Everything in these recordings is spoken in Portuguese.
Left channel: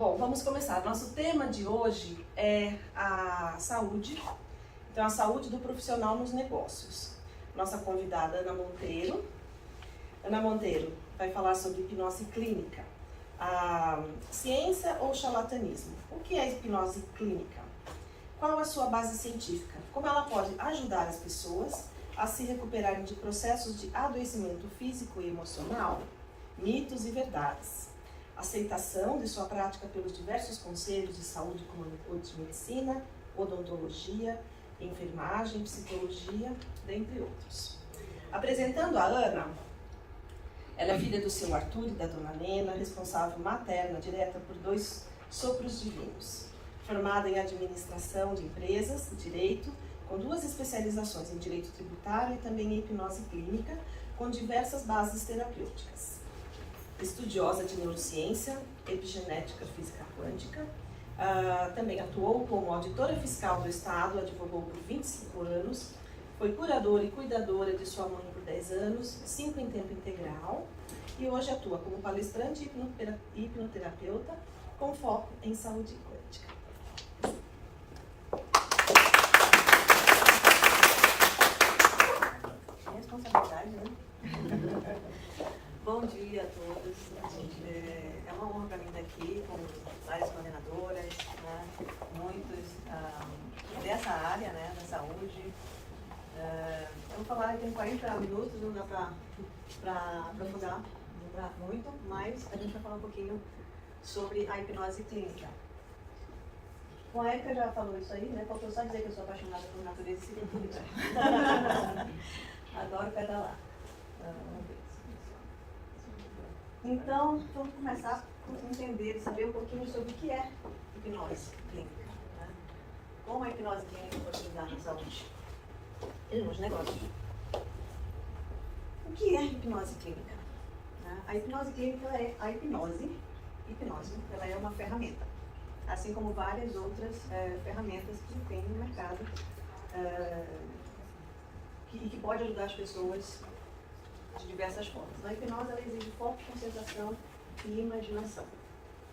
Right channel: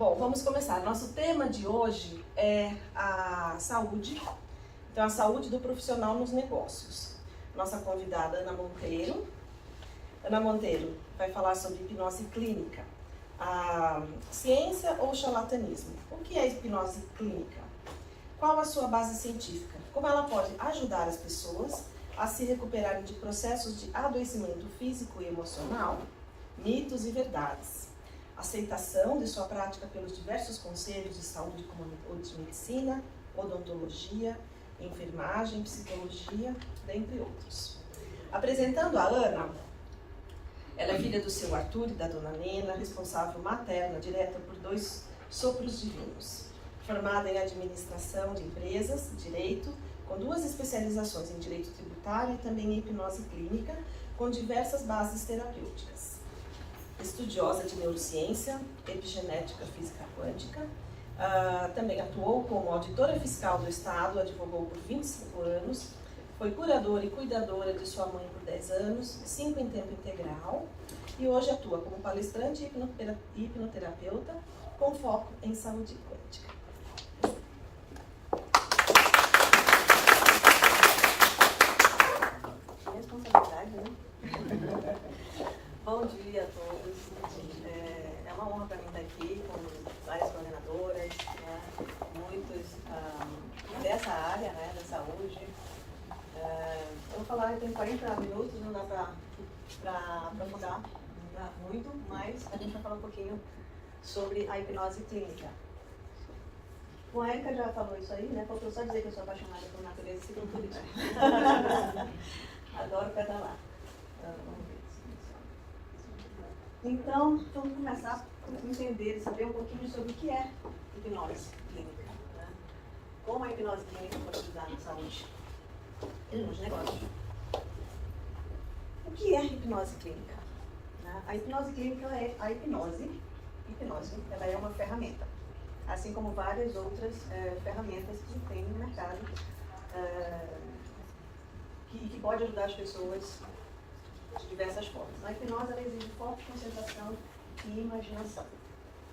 Bom, vamos começar. Nosso tema de hoje é a saúde, então a saúde do profissional nos negócios. Nossa convidada Ana Monteiro. Ana Monteiro vai falar sobre hipnose clínica, a ciência ou charlatanismo. O que é hipnose clínica? Qual a sua base científica? Como ela pode ajudar as pessoas a se recuperarem de processos de adoecimento físico e emocional? Mitos e verdades. Aceitação de sua prática pelos diversos conselhos de saúde, como o de medicina, odontologia, enfermagem, psicologia, dentre outros. Apresentando a Ana, ela é filha do seu Arthur e da dona Nena, responsável materna direta por 2 sopros divinos. Formada em administração de empresas, direito, com 2 especializações em direito tributário e também em hipnose clínica, com diversas bases terapêuticas. Estudiosa de neurociência, epigenética, física quântica, também atuou como auditora fiscal do Estado, advogou por 25 anos, foi curadora e cuidadora de sua mãe por 10 anos, 5 em tempo integral, e hoje atua como palestrante e hipnoterapeuta com foco em saúde quântica. Responsabilidade, né? Bom dia a todos. É uma honra para mim estar aqui com várias coordenadoras, né? Muitos dessa área, né, da saúde. Eu vou falar aqui em 40 minutos, não dá para aprofundar, não dá muito, mas a gente vai falar um pouquinho sobre a hipnose clínica. Bom, a Erika já falou isso aí, né? Faltou só dizer que eu sou apaixonada por natureza e ciclocultura. Adoro pedalar. Então, vamos começar a entender e saber um pouquinho sobre o que é hipnose clínica. Né? Como a hipnose clínica pode ajudar na saúde e nos negócios. O que é hipnose clínica? Né? A hipnose clínica é a hipnose. Hipnose, ela é uma ferramenta, assim como várias outras ferramentas que tem no mercado que pode ajudar as pessoas de diversas formas. A hipnose ela exige forte concentração e imaginação.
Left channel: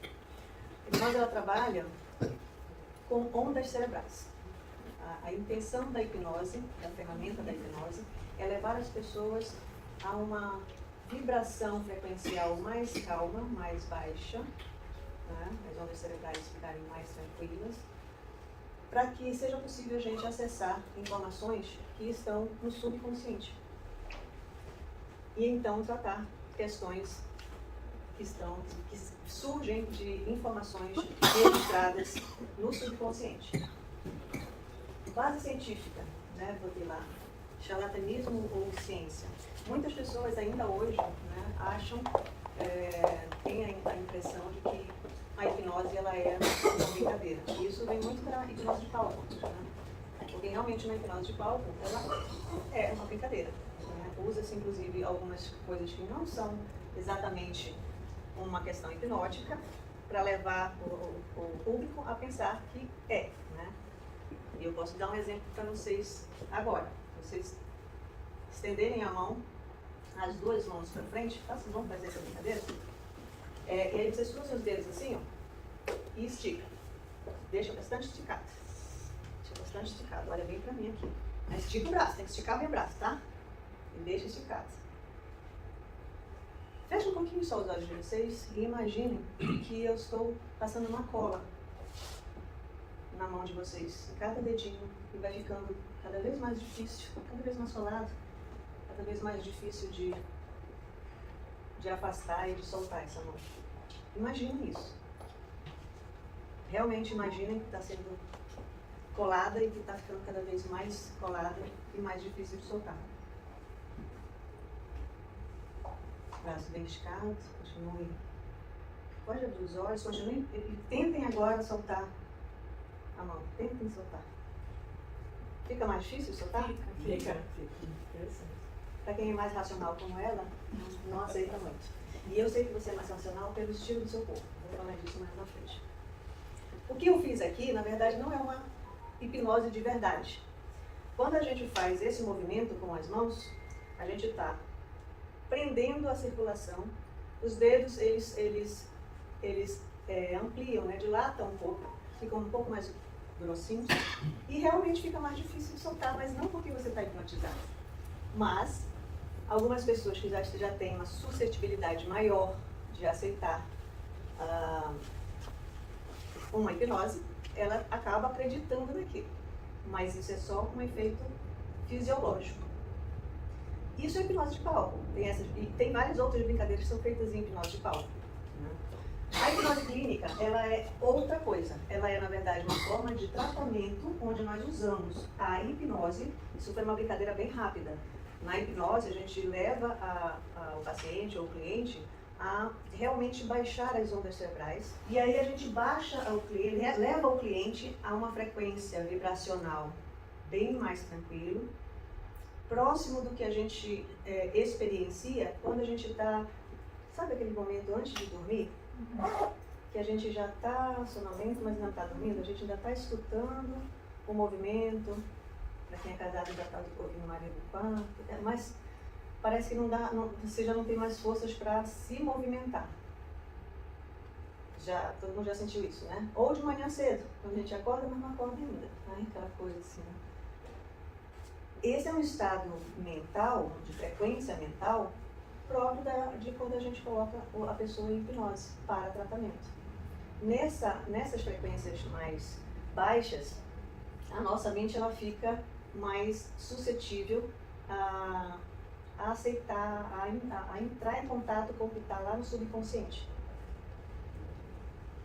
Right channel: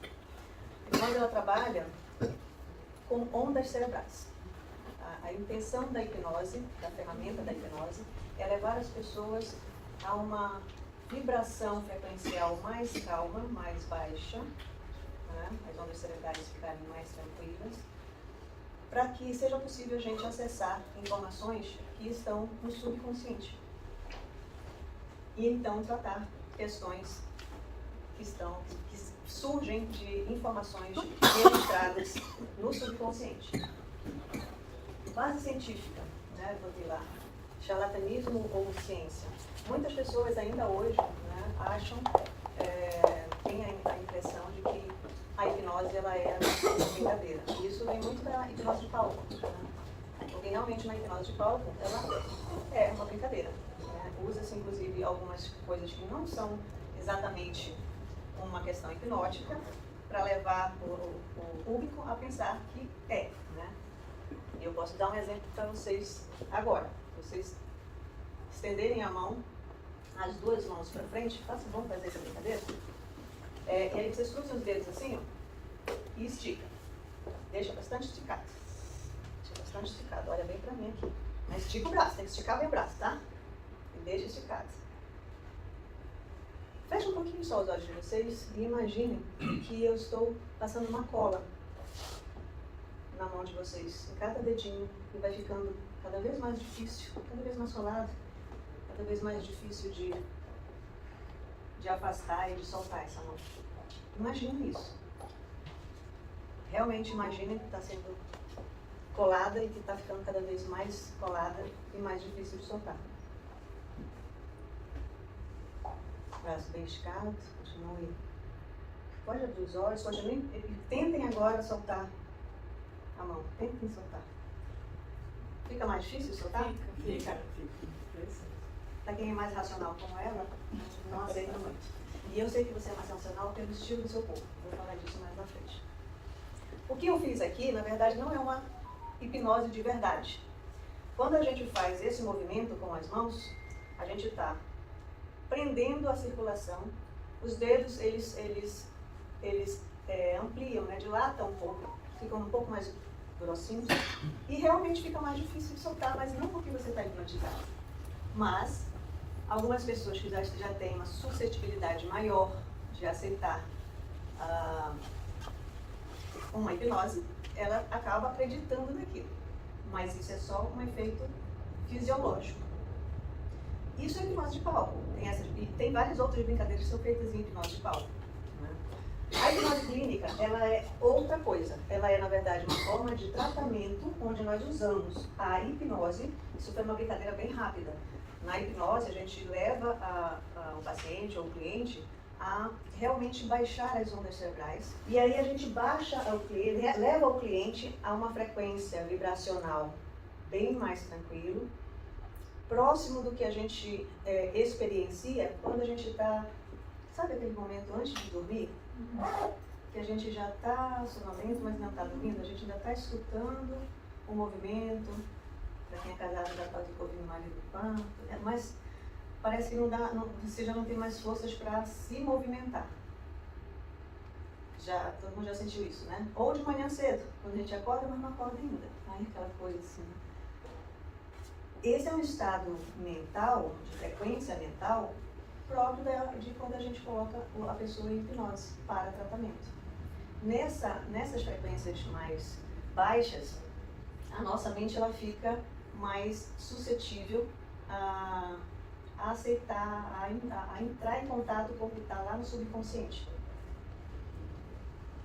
A hipnose ela trabalha com ondas cerebrais. A intenção da hipnose, da ferramenta da hipnose, é levar as pessoas a uma vibração frequencial mais calma, mais baixa, né? As ondas cerebrais ficarem mais tranquilas, para que seja possível a gente acessar informações que estão no subconsciente. E então tratar questões que surgem de informações registradas no subconsciente. Base científica, né? Botei lá, charlatanismo ou ciência. Muitas pessoas ainda hoje, né, acham, têm a impressão de que a hipnose ela é uma brincadeira. E isso vem muito da hipnose de palco, né? Porque realmente na hipnose de palco ela é uma brincadeira. Usa-se, inclusive, algumas coisas que não são exatamente uma questão hipnótica para levar o público a pensar que é, né? E eu posso dar um exemplo para vocês agora. Vocês estenderem a mão, as 2 mãos para frente, vamos fazer essa brincadeira? E aí vocês cruzam os dedos assim, ó, e estica. Deixa bastante esticado. Deixa bastante esticado. Olha bem para mim aqui. Mas estica o braço, tem que esticar bem o braço, tá? E deixa esticado. Fecha um pouquinho só os olhos de vocês e imaginem que eu estou passando uma cola na mão de vocês, em cada dedinho, e vai ficando cada vez mais difícil, cada vez mais solado, cada vez mais difícil de afastar e de soltar essa mão. Imagine isso. Realmente imaginem que está sendo colada e que está ficando cada vez mais colada e mais difícil de soltar. Braço bem esticado, continue. Pode abrir os olhos, tentem agora soltar a mão, tentem soltar. Fica mais difícil de soltar? Fica. Para quem é mais racional como ela, não aceita muito. E eu sei que você é mais racional pelo estilo do seu corpo. Vou falar disso mais na frente. O que eu fiz aqui, na verdade, não é uma hipnose de verdade. Quando a gente faz esse movimento com as mãos, a gente está prendendo a circulação. Os dedos, eles ampliam, né, dilatam um pouco, ficam um pouco mais grossinhos e realmente fica mais difícil de soltar, mas não porque você está hipnotizado. Mas algumas pessoas que já têm uma suscetibilidade maior de aceitar uma hipnose, ela acaba acreditando naquilo. Mas isso é só um efeito fisiológico. Isso é hipnose de palco. E tem várias outras brincadeiras que são feitas em hipnose de palco. Né? A hipnose clínica, ela é outra coisa. Ela é, na verdade, uma forma de tratamento onde nós usamos a hipnose. Isso foi uma brincadeira bem rápida. Na hipnose, a gente leva o paciente ou o cliente a realmente baixar as ondas cerebrais. E aí a gente leva o cliente a uma frequência vibracional bem mais tranquilo, próximo do que a gente experiencia quando a gente está, sabe aquele momento antes de dormir? Que a gente já está sonolento, mas não está dormindo, a gente ainda está escutando o movimento, para quem é casado já está ouvindo o marido no quarto, mas parece que você já não tem mais forças para se movimentar. Todo mundo já sentiu isso, né? Ou de manhã cedo, quando a gente acorda, mas não acorda ainda, né? Aquela coisa assim, né? Esse é um estado mental, de frequência mental, próprio de quando a gente coloca a pessoa em hipnose para tratamento. Nessas frequências mais baixas, a nossa mente ela fica mais suscetível a aceitar, a entrar em contato com o que está lá no subconsciente.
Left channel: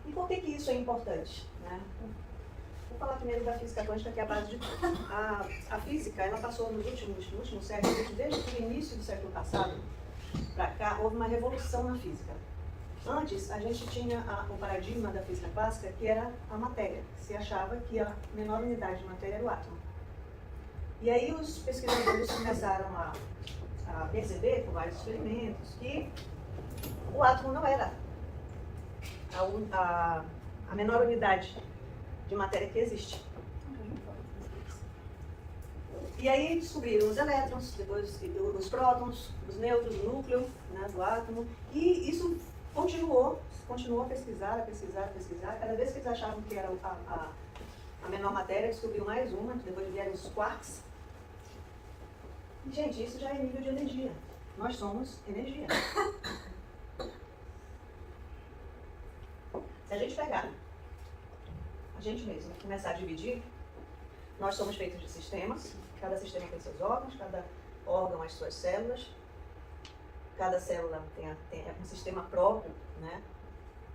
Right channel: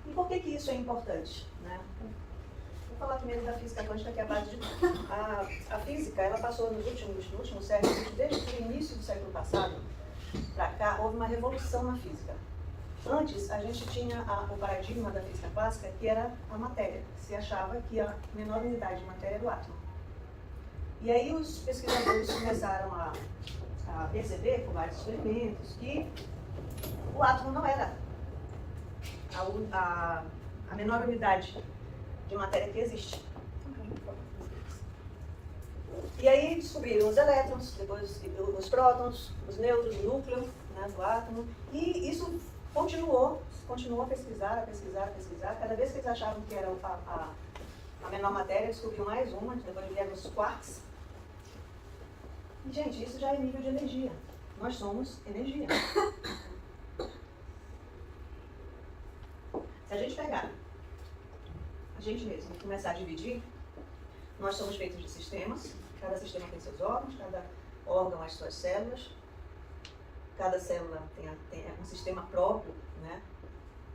E por que isso é importante? Né? Vou falar primeiro da física quântica, que é a base de tudo. A física, ela passou nos últimos séculos, desde o início do século passado para cá, houve uma revolução na física. Antes, a gente tinha o paradigma da física clássica, que era a matéria. Se achava que a menor unidade de matéria era o átomo. E aí os pesquisadores começaram a perceber, com vários experimentos, que o átomo não era a menor unidade de matéria que existe. E aí descobriram os elétrons, depois os prótons, os nêutrons, o núcleo, né, do átomo, e isso continuou a pesquisar. Cada vez que eles achavam que era a menor matéria, descobriram mais uma, depois vieram os quarks. E, gente, isso já é nível de energia. Nós somos energia. Se a gente pegar a gente mesmo e começar a dividir, nós somos feitos de sistemas. Cada sistema tem seus órgãos, cada órgão as suas células. Cada célula tem um sistema próprio, né?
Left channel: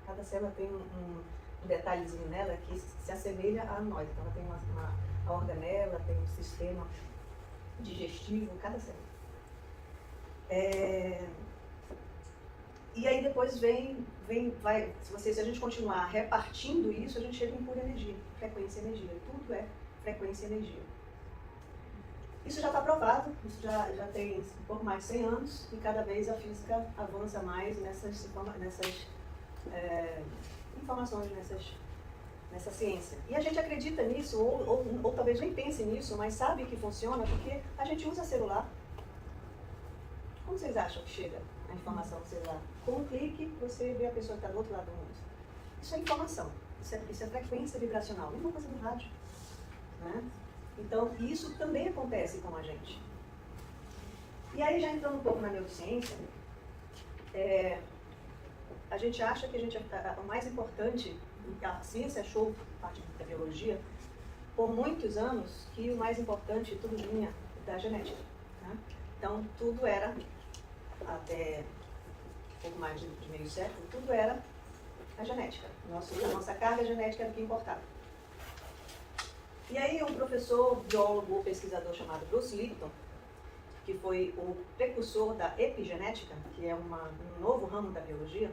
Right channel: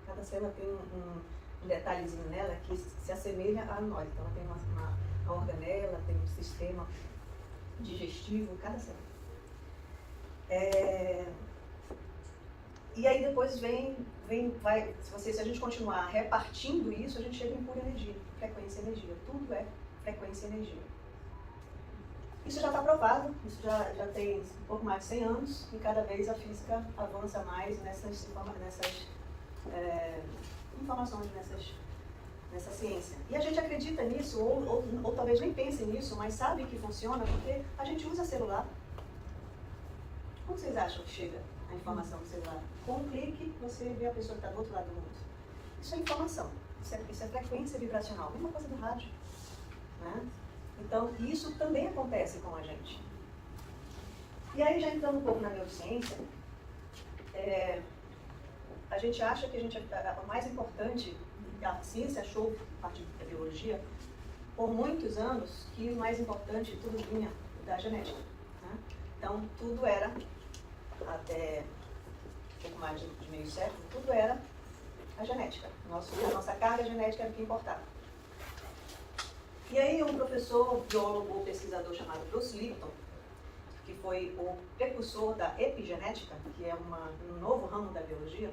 Cada célula tem um detalhezinho nela que se assemelha a nós. Então, ela tem uma organela, tem um sistema digestivo, cada célula. E aí depois se a gente continuar repartindo isso, a gente chega em pura energia, frequência e energia. Tudo é frequência e energia. Isso já está provado, isso já tem um pouco mais de 100 anos, e cada vez a física avança mais nessas informações, nessa ciência. E a gente acredita nisso, ou talvez nem pense nisso, mas sabe que funciona porque a gente usa celular. Como vocês acham que chega a informação no celular? Com um clique, você vê a pessoa que está do outro lado do mundo. Isso é informação, isso é frequência vibracional, mesma coisa do rádio. Né? Então, isso também acontece com a gente. E aí, já entrando um pouco na neurociência, a gente acha que o mais importante, a ciência achou, a partir da biologia, por muitos anos, que o mais importante tudo vinha da genética. Né? Então, tudo era, até um pouco mais de meio século, tudo era a genética. A nossa carga genética era o que importava. E aí, um professor, biólogo, pesquisador chamado Bruce Lipton, que foi o precursor da epigenética, que é um novo ramo da biologia,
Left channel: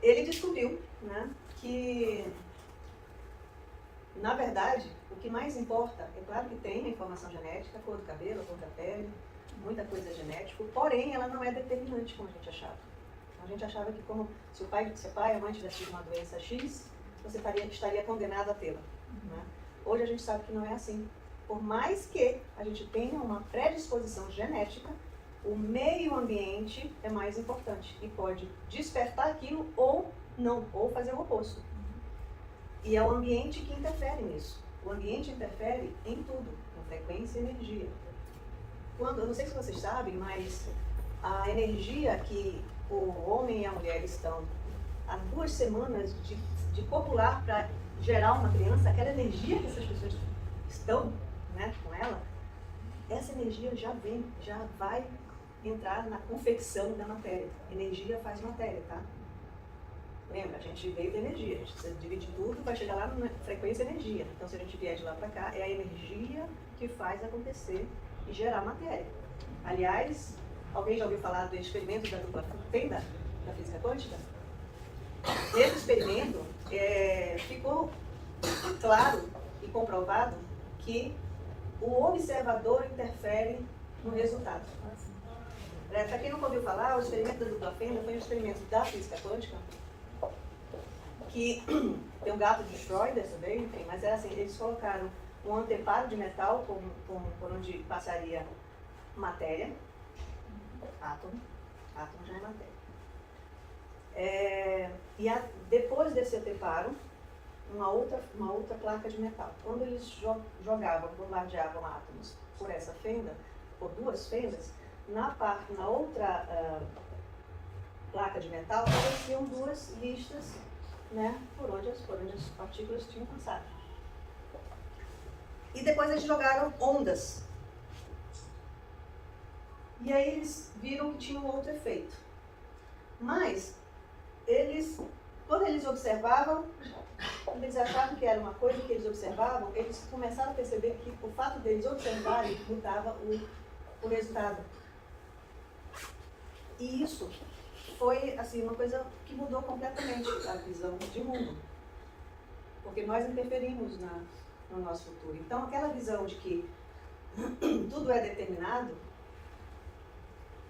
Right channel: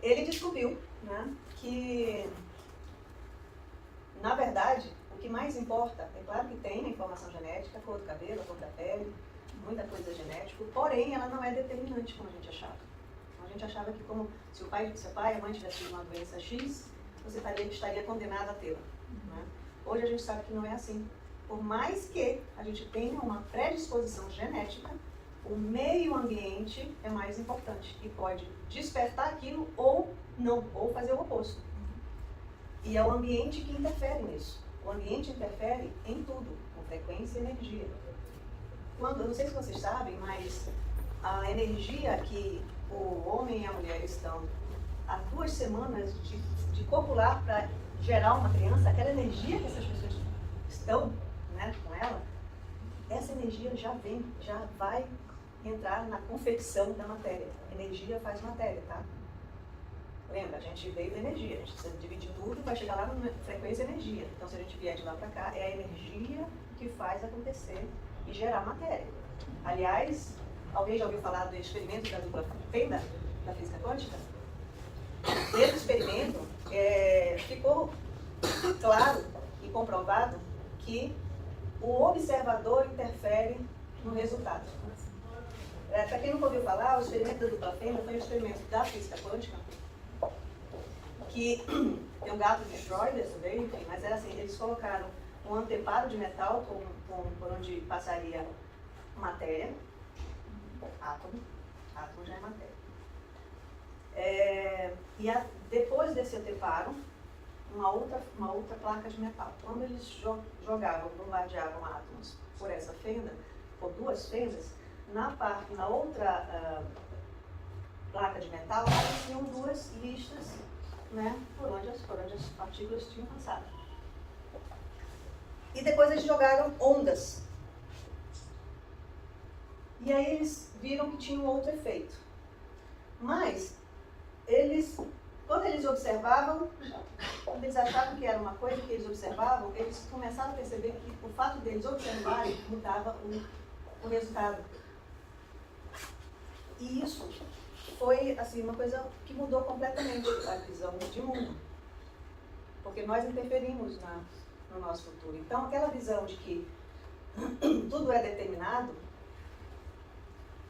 ele descobriu, né, que, na verdade, o que mais importa, é claro que tem a informação genética, a cor do cabelo, a cor da pele, muita coisa genética, porém, ela não é determinante como a gente achava. A gente achava que se o pai e a mãe tivessem tido uma doença X, você estaria condenado a tê-la. Né? Hoje a gente sabe que não é assim. Por mais que a gente tenha uma predisposição genética, o meio ambiente é mais importante e pode despertar aquilo ou não, ou fazer o oposto. E é o ambiente que interfere nisso. O ambiente interfere em tudo, com frequência e energia. Quando, eu não sei se vocês sabem, mas a energia que o homem e a mulher estão há 2 semanas de copular para gerar uma criança, aquela energia que essas pessoas estão, né, com ela, essa energia já vai entrar na confecção da matéria. Energia faz matéria, tá? Lembra, a gente veio da energia, a gente precisa dividir tudo para chegar lá na frequência energia. Então, se a gente vier de lá para cá, é a energia que faz acontecer e gerar matéria. Aliás, alguém já ouviu falar do experimento da dupla fenda da física quântica? Nesse experimento, ficou claro e comprovado que o observador interfere no resultado. Para quem nunca ouviu falar, o experimento da dupla fenda foi um experimento da física quântica, que tem o gato de Schrödinger também, enfim, mas era assim, eles colocaram um anteparo de metal por onde passaria matéria, átomo já é matéria. Depois desse anteparo, uma outra placa de metal. Quando eles bombardeavam átomos por essa fenda, por 2 fendas, na outra placa de metal apareciam 2 listas, né, por onde as partículas tinham passado. E depois eles jogaram ondas. E aí eles viram que tinha um outro efeito. Mas, quando eles observavam, quando eles achavam que era uma coisa que eles observavam, eles começaram a perceber que o fato deles observarem mudava o resultado. E isso foi assim, uma coisa que mudou completamente a visão de mundo. Porque nós interferimos no nosso futuro. Então, aquela visão de que tudo é determinado,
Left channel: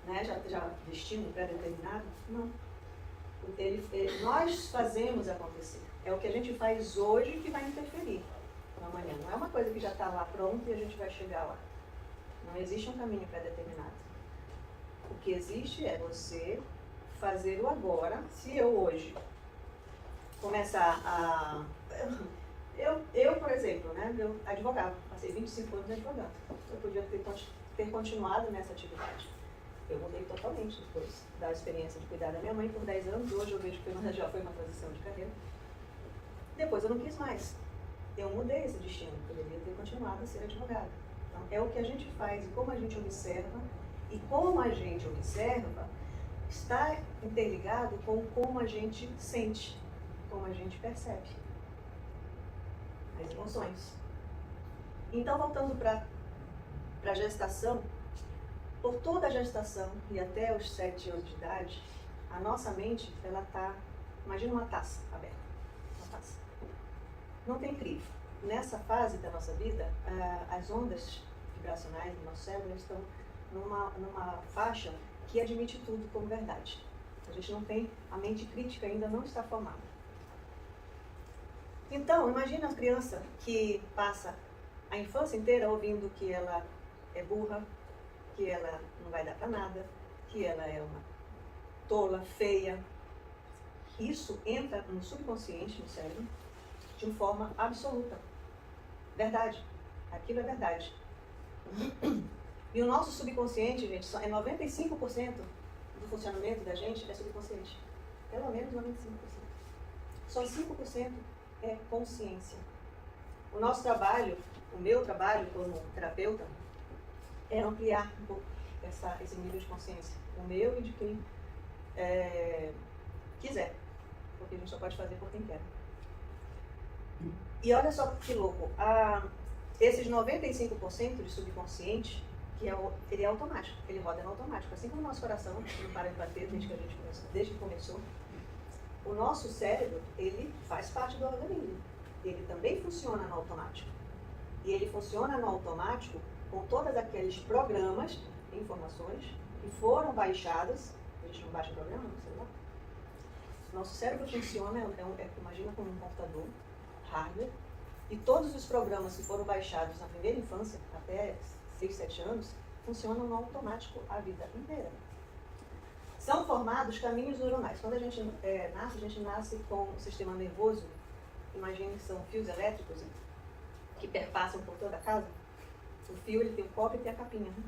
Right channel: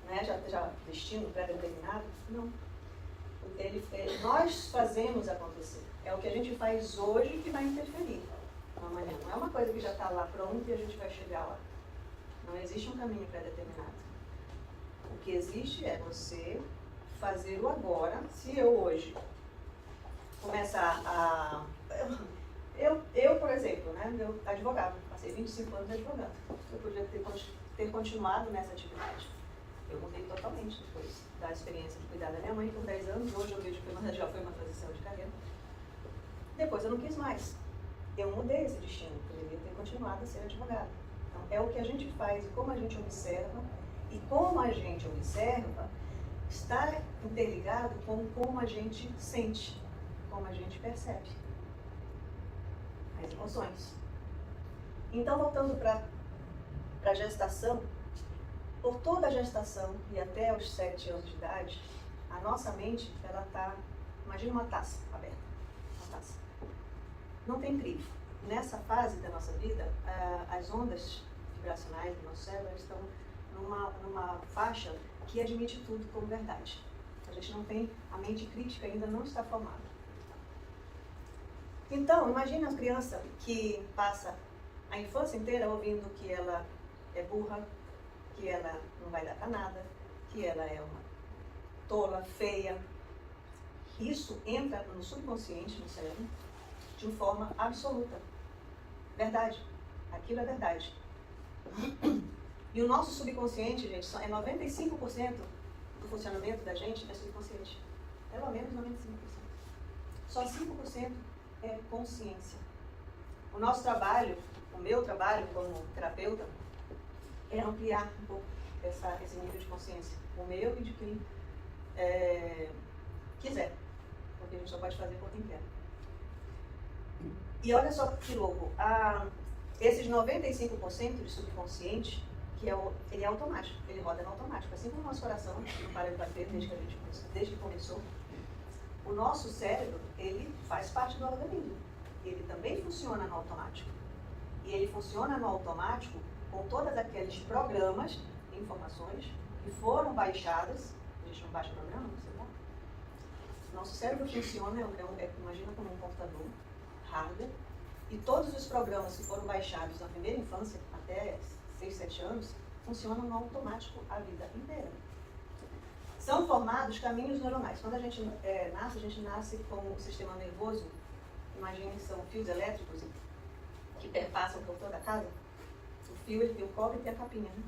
né, já destino pré-determinado, não. Nós fazemos acontecer. É o que a gente faz hoje que vai interferir amanhã. Não é uma coisa que já está lá pronta e a gente vai chegar lá. Não existe um caminho pré-determinado. O que existe é você fazer o agora. Se eu hoje começar a... Eu, por exemplo, né, eu advogava, passei 25 anos de advogado. Eu podia ter continuado nessa atividade. Eu mudei totalmente depois da experiência de cuidar da minha mãe por 10 anos. Hoje eu vejo que já foi uma transição de carreira. Depois eu não quis mais. Eu mudei esse destino. Eu poderia ter continuado a ser advogada. Então, é o que a gente faz e como a gente observa. E como a gente observa está interligado com como a gente sente, como a gente percebe as emoções. Então, voltando para a gestação, por toda a gestação e até os 7 anos de idade, a nossa mente, ela está, imagina uma taça aberta, uma taça. Não tem crivo. Nessa fase da nossa vida, as ondas vibracionais do nosso cérebro estão numa faixa que admite tudo como verdade. A gente não tem, a mente crítica ainda não está formada. Então, imagina a criança que passa a infância inteira ouvindo que ela é burra, que ela não vai dar para nada, que ela é uma tola, feia. Isso entra no subconsciente, no cérebro, de uma forma absoluta. Verdade. Aquilo é verdade. E o nosso subconsciente, gente, é 95% do funcionamento da gente é subconsciente. Pelo menos 95%. Só 5% é consciência. O nosso trabalho, o meu trabalho como terapeuta, é ampliar um pouco esse nível de consciência. O meu e de quem quiser. Porque a gente só pode fazer por quem quer. E olha só que louco. Esses 95% de subconsciente, ele é automático, ele roda no automático. Assim como o nosso coração não para de bater desde que começou. O nosso cérebro, ele faz parte do organismo. Ele também funciona no automático. E ele funciona no automático com todos aqueles programas, informações, que foram baixadas. A gente não baixa programa no celular. Nosso cérebro funciona, imagina como um computador, hardware, e todos os programas que foram baixados na primeira infância, até 6, 7 anos, funcionam no automático a vida inteira. São formados caminhos neuronais. Quando a gente nasce com o sistema nervoso, imagine que são fios elétricos que perpassam por toda a casa. O fio ele tem o cobre e tem a capinha, né?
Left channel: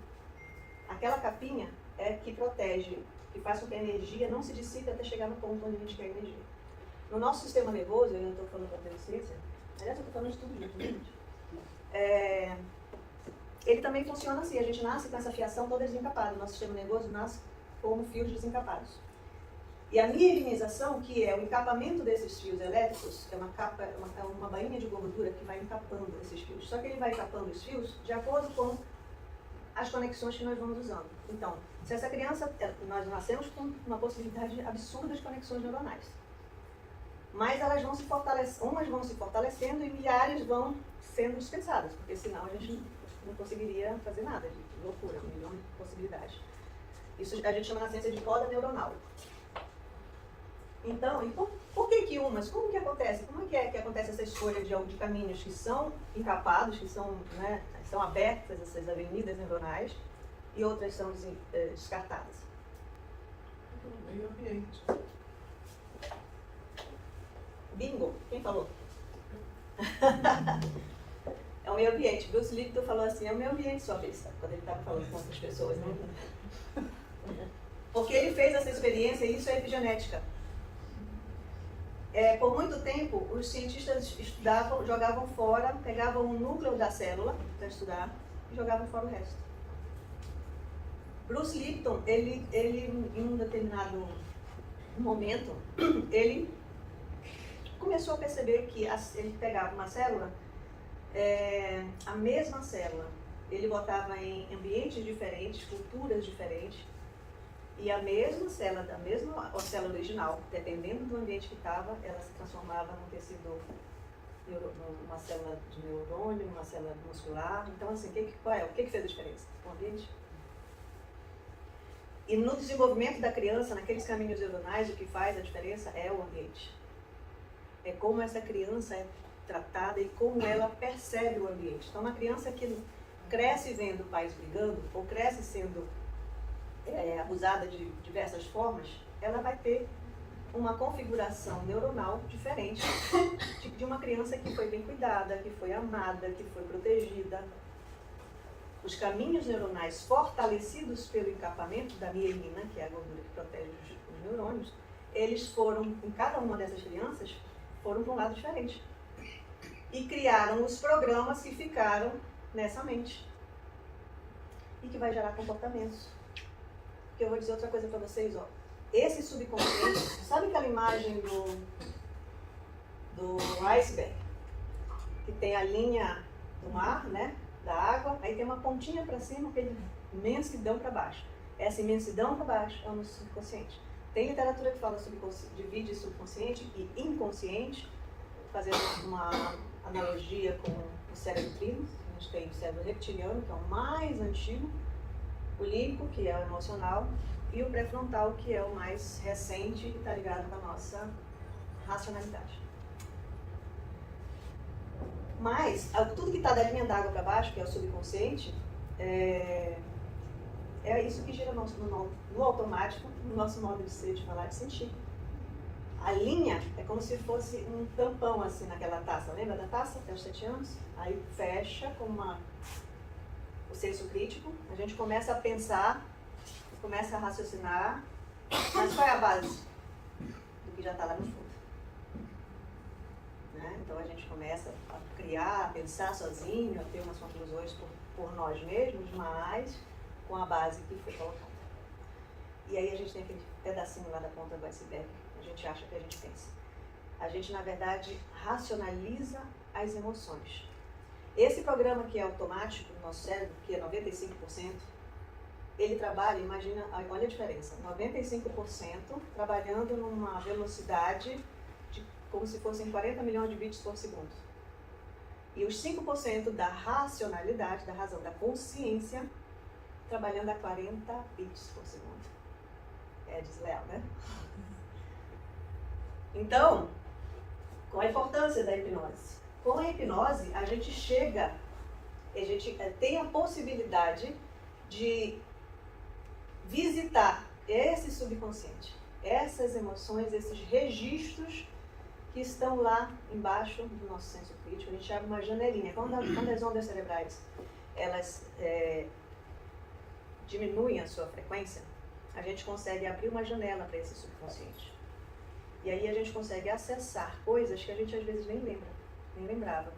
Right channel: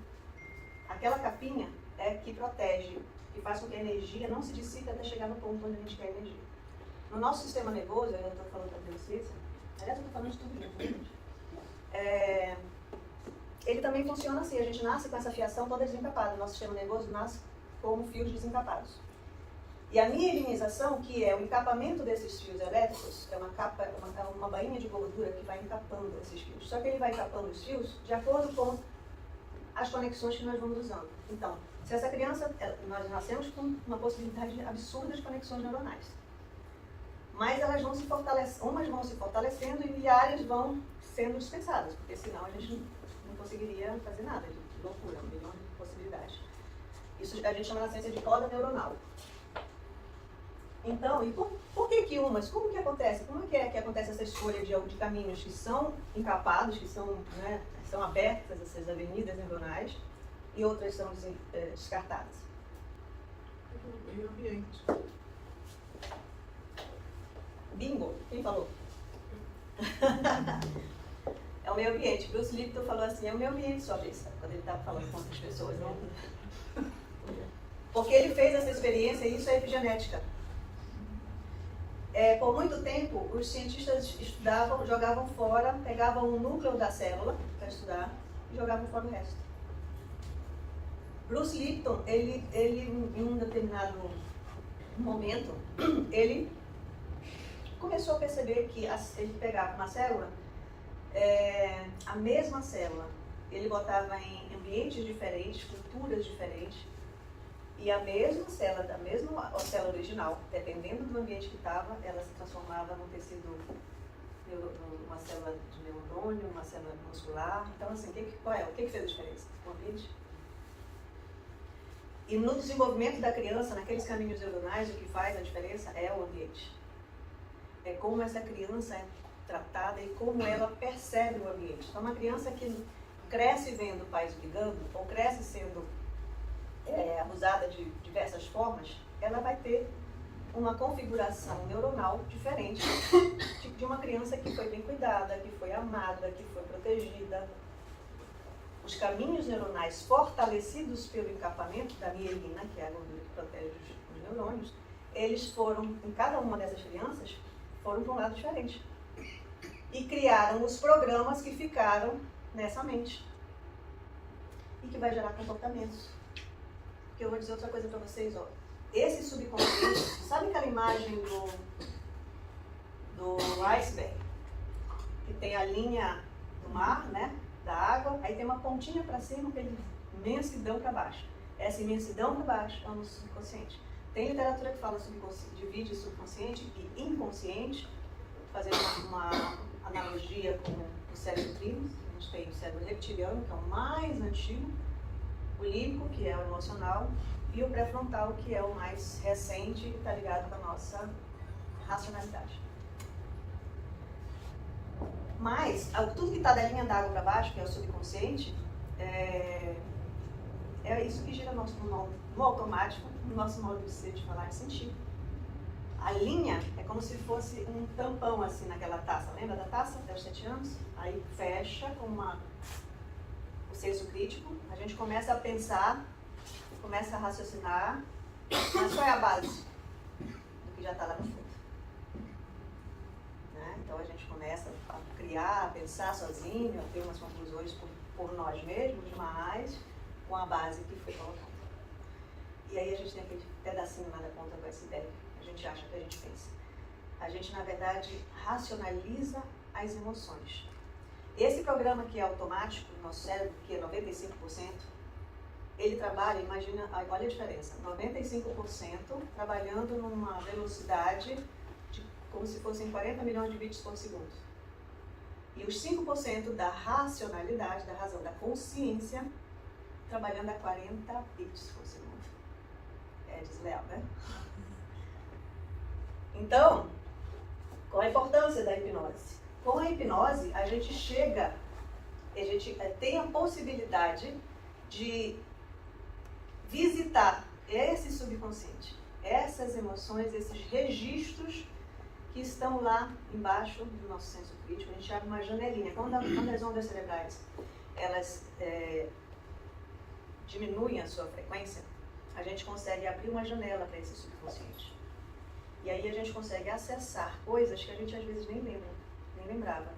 Aquela capinha é que protege, que faz com que a energia não se dissipe até chegar no ponto onde a gente quer a energia. No nosso sistema nervoso, eu estou falando da neurociência, aliás, eu estou falando de tudo junto, né, gente? Ele também funciona assim, a gente nasce com essa fiação toda desencapada, o nosso sistema nervoso nasce como fios desencapados. E a mielinização, que é o encapamento desses fios elétricos, é uma bainha de gordura que vai encapando esses fios. Só que ele vai encapando os fios de acordo com as conexões que nós vamos usando. Então, se essa criança, nós nascemos com uma possibilidade absurda de conexões neuronais. Mas elas vão se fortalecendo, umas vão se fortalecendo e milhares vão sendo dispensadas, porque senão a gente não conseguiria fazer nada, de loucura, um milhão de possibilidades. Isso a gente chama na ciência de poda neuronal. Então, e por que umas? Como que acontece? Como é que acontece essa escolha de caminhos que são encapados, que são, né, são abertas, essas avenidas neuronais, e outras são descartadas? Meio ambiente. Bingo! Quem falou? É o meio ambiente. Bruce Lipton falou assim, é o meio ambiente sua besta, quando ele estava falando com outras pessoas, não? Porque ele fez essa experiência e isso é epigenética. Por muito tempo, os cientistas estudavam, jogavam fora, pegavam o núcleo da célula para estudar e jogavam fora o resto. Bruce Lipton, ele em um determinado momento, ele começou a perceber que ele pegava uma célula, a mesma célula, ele botava em ambientes diferentes, culturas diferentes, e a mesma célula, da mesma célula original, dependendo do ambiente que estava, ela se transformava num tecido, uma célula de neurônio, uma célula muscular. Então, assim, o que fez a diferença? O ambiente. E no desenvolvimento da criança, naqueles caminhos neuronais, o que faz a diferença é o ambiente. É como essa criança é tratada e como ela percebe o ambiente. Então, uma criança que cresce vendo pais brigando, ou cresce sendo abusada de diversas formas, ela vai ter uma configuração neuronal diferente de uma criança que foi bem cuidada, que foi amada, que foi protegida. Os caminhos neuronais fortalecidos pelo encapamento da mielina, que é a gordura que protege os neurônios, eles foram, em cada uma dessas crianças, foram para um lado diferente. E criaram os programas que ficaram nessa mente. E que vai gerar comportamentos. Porque eu vou dizer outra coisa para vocês, ó. Esse subconsciente, sabe aquela imagem do iceberg? Que tem a linha do mar, né? Da água, aí tem uma pontinha para cima, aquele imensidão para baixo. Essa imensidão para baixo é o nosso subconsciente. Tem literatura que fala divide subconsciente e inconsciente, fazendo uma analogia com o cérebro trino. A gente tem o cérebro reptiliano, que é o mais antigo, o límbico, que é o emocional, e o pré-frontal, que é o mais recente e está ligado com a nossa racionalidade. Mas, tudo que está da linha d'água para baixo, que é o subconsciente, é isso que gira no automático, no nosso modo de ser, de falar, de sentir. A linha é como se fosse um tampão assim naquela taça. Lembra da taça até os 7 anos? Aí fecha com o senso crítico, a gente começa a pensar, começa a raciocinar, mas qual é a base do que já está lá no fundo? Né? Então a gente começa a criar, a pensar sozinho, a ter umas conclusões por nós mesmos, mas com a base que foi colocada. E aí a gente tem aquele pedacinho lá da ponta do iceberg, a gente acha que a gente pensa. A gente, na verdade, racionaliza as emoções. Esse programa que é automático do nosso cérebro, que é 95%, ele trabalha, imagina, olha a diferença, 95% trabalhando numa velocidade de como se fossem 40 milhões de bits por segundo. E os 5% da racionalidade, da razão, da consciência, trabalhando a 40 bits por segundo. É desleal, né? Então, qual a importância da hipnose? Com a hipnose, a gente tem a possibilidade de visitar esse subconsciente, essas emoções, esses registros que estão lá embaixo do nosso senso crítico. A gente abre uma janelinha. Quando as ondas cerebrais elas diminuem a sua frequência, a gente consegue abrir uma janela para esse subconsciente. E aí a gente consegue acessar coisas que a gente às vezes nem lembrava.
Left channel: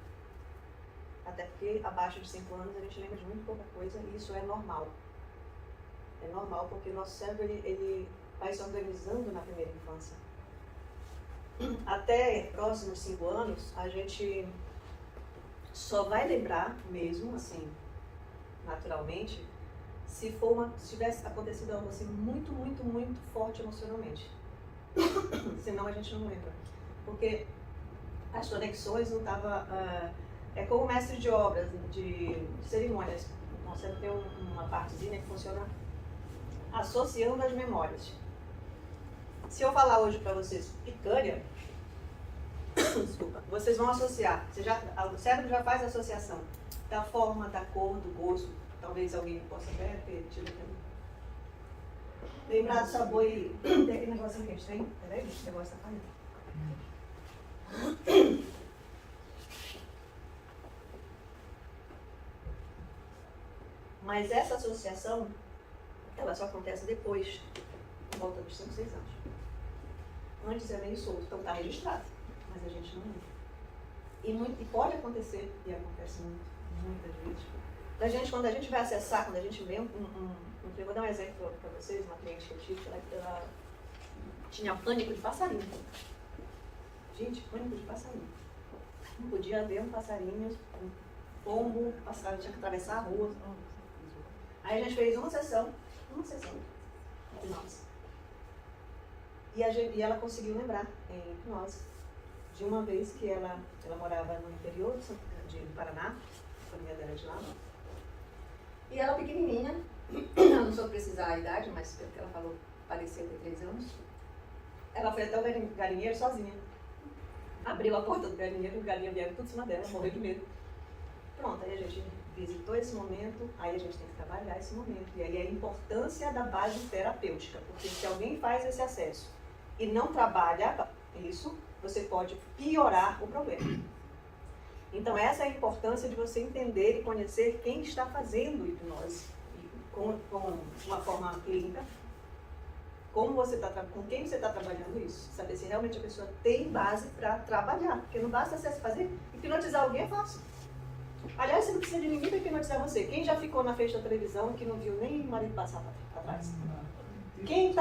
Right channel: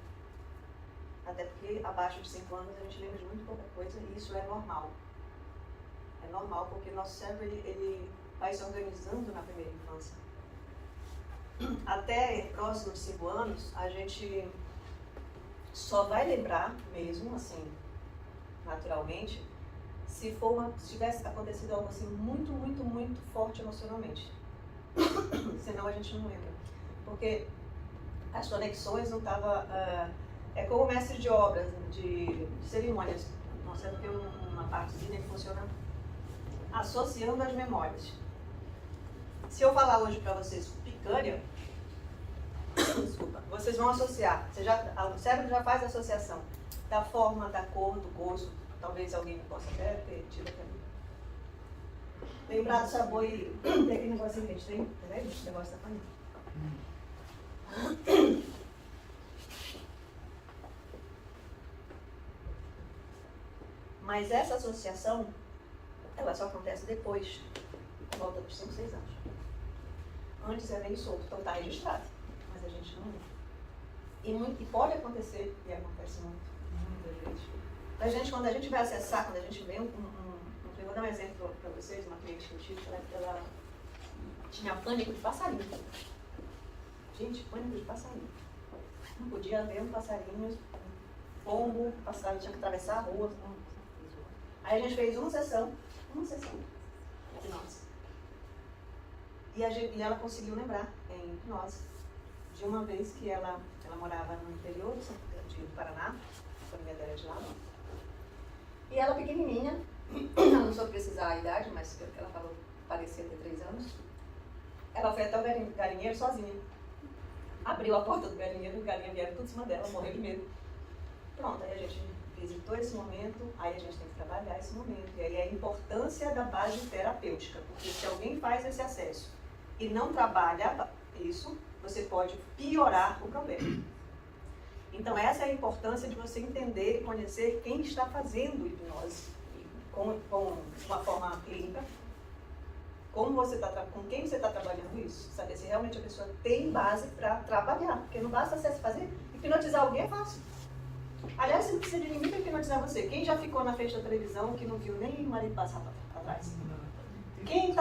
Até porque abaixo de 5 anos a gente lembra de muito pouca coisa e isso é normal. É normal porque nosso cérebro ele vai se organizando na primeira infância. Até próximo de 5 anos, a gente só vai lembrar mesmo, assim, naturalmente, se tivesse acontecido algo assim muito, muito, muito forte emocionalmente. Senão a gente não lembra. Porque as conexões não estavam... é como mestre de obras, de cerimônias. Nosso cérebro tem uma partezinha que funciona associando as memórias. Se eu falar hoje para vocês picanha, desculpa, vocês vão associar. O cérebro já faz a associação da forma, da cor, do gosto. Talvez alguém possa até ter tido aquele. Lembrar do sabor e tem aquele negocinho que a gente tem. Peraí, esse negócio tá caindo. Mas essa associação, ela só acontece depois, por volta dos 5, 6 anos. Antes era insolto, então está registrado, mas a gente não lembra. E pode acontecer, e acontece muitas vezes. Quando a gente vai acessar, quando a gente vê eu vou dar um exemplo para vocês, uma cliente que eu tive, ela tinha pânico de passarinho. Gente, pânico de passarinho. Não podia ver um passarinho, um pombo, passarinho, tinha que atravessar a rua. Aí a gente fez uma sessão de hipnose. E ela conseguiu lembrar, em hipnose, de uma vez que ela morava no interior do Paraná, a família dela é de lá. E ela pequenininha, ela não soube precisar a idade, mas pelo que ela falou, parecia ter 3 anos. Ela foi até o galinheiro sozinha. Abriu a porta do galinheiro, os galinhas vieram tudo em cima dela, morreu de medo. Pronto, aí a gente visitou esse momento, aí a gente tem que trabalhar esse momento. E aí a importância da base terapêutica, porque se alguém faz esse acesso e não trabalha isso, você pode piorar o problema. Então essa é a importância de você entender e conhecer quem está fazendo hipnose com uma forma clínica, com quem você está trabalhando isso, saber se realmente a pessoa tem base para trabalhar, porque não basta você fazer, hipnotizar alguém é fácil. Aliás, você não precisa de ninguém para hipnotizar você. Quem já ficou na frente da televisão que não viu nem o marido passar atrás? Quem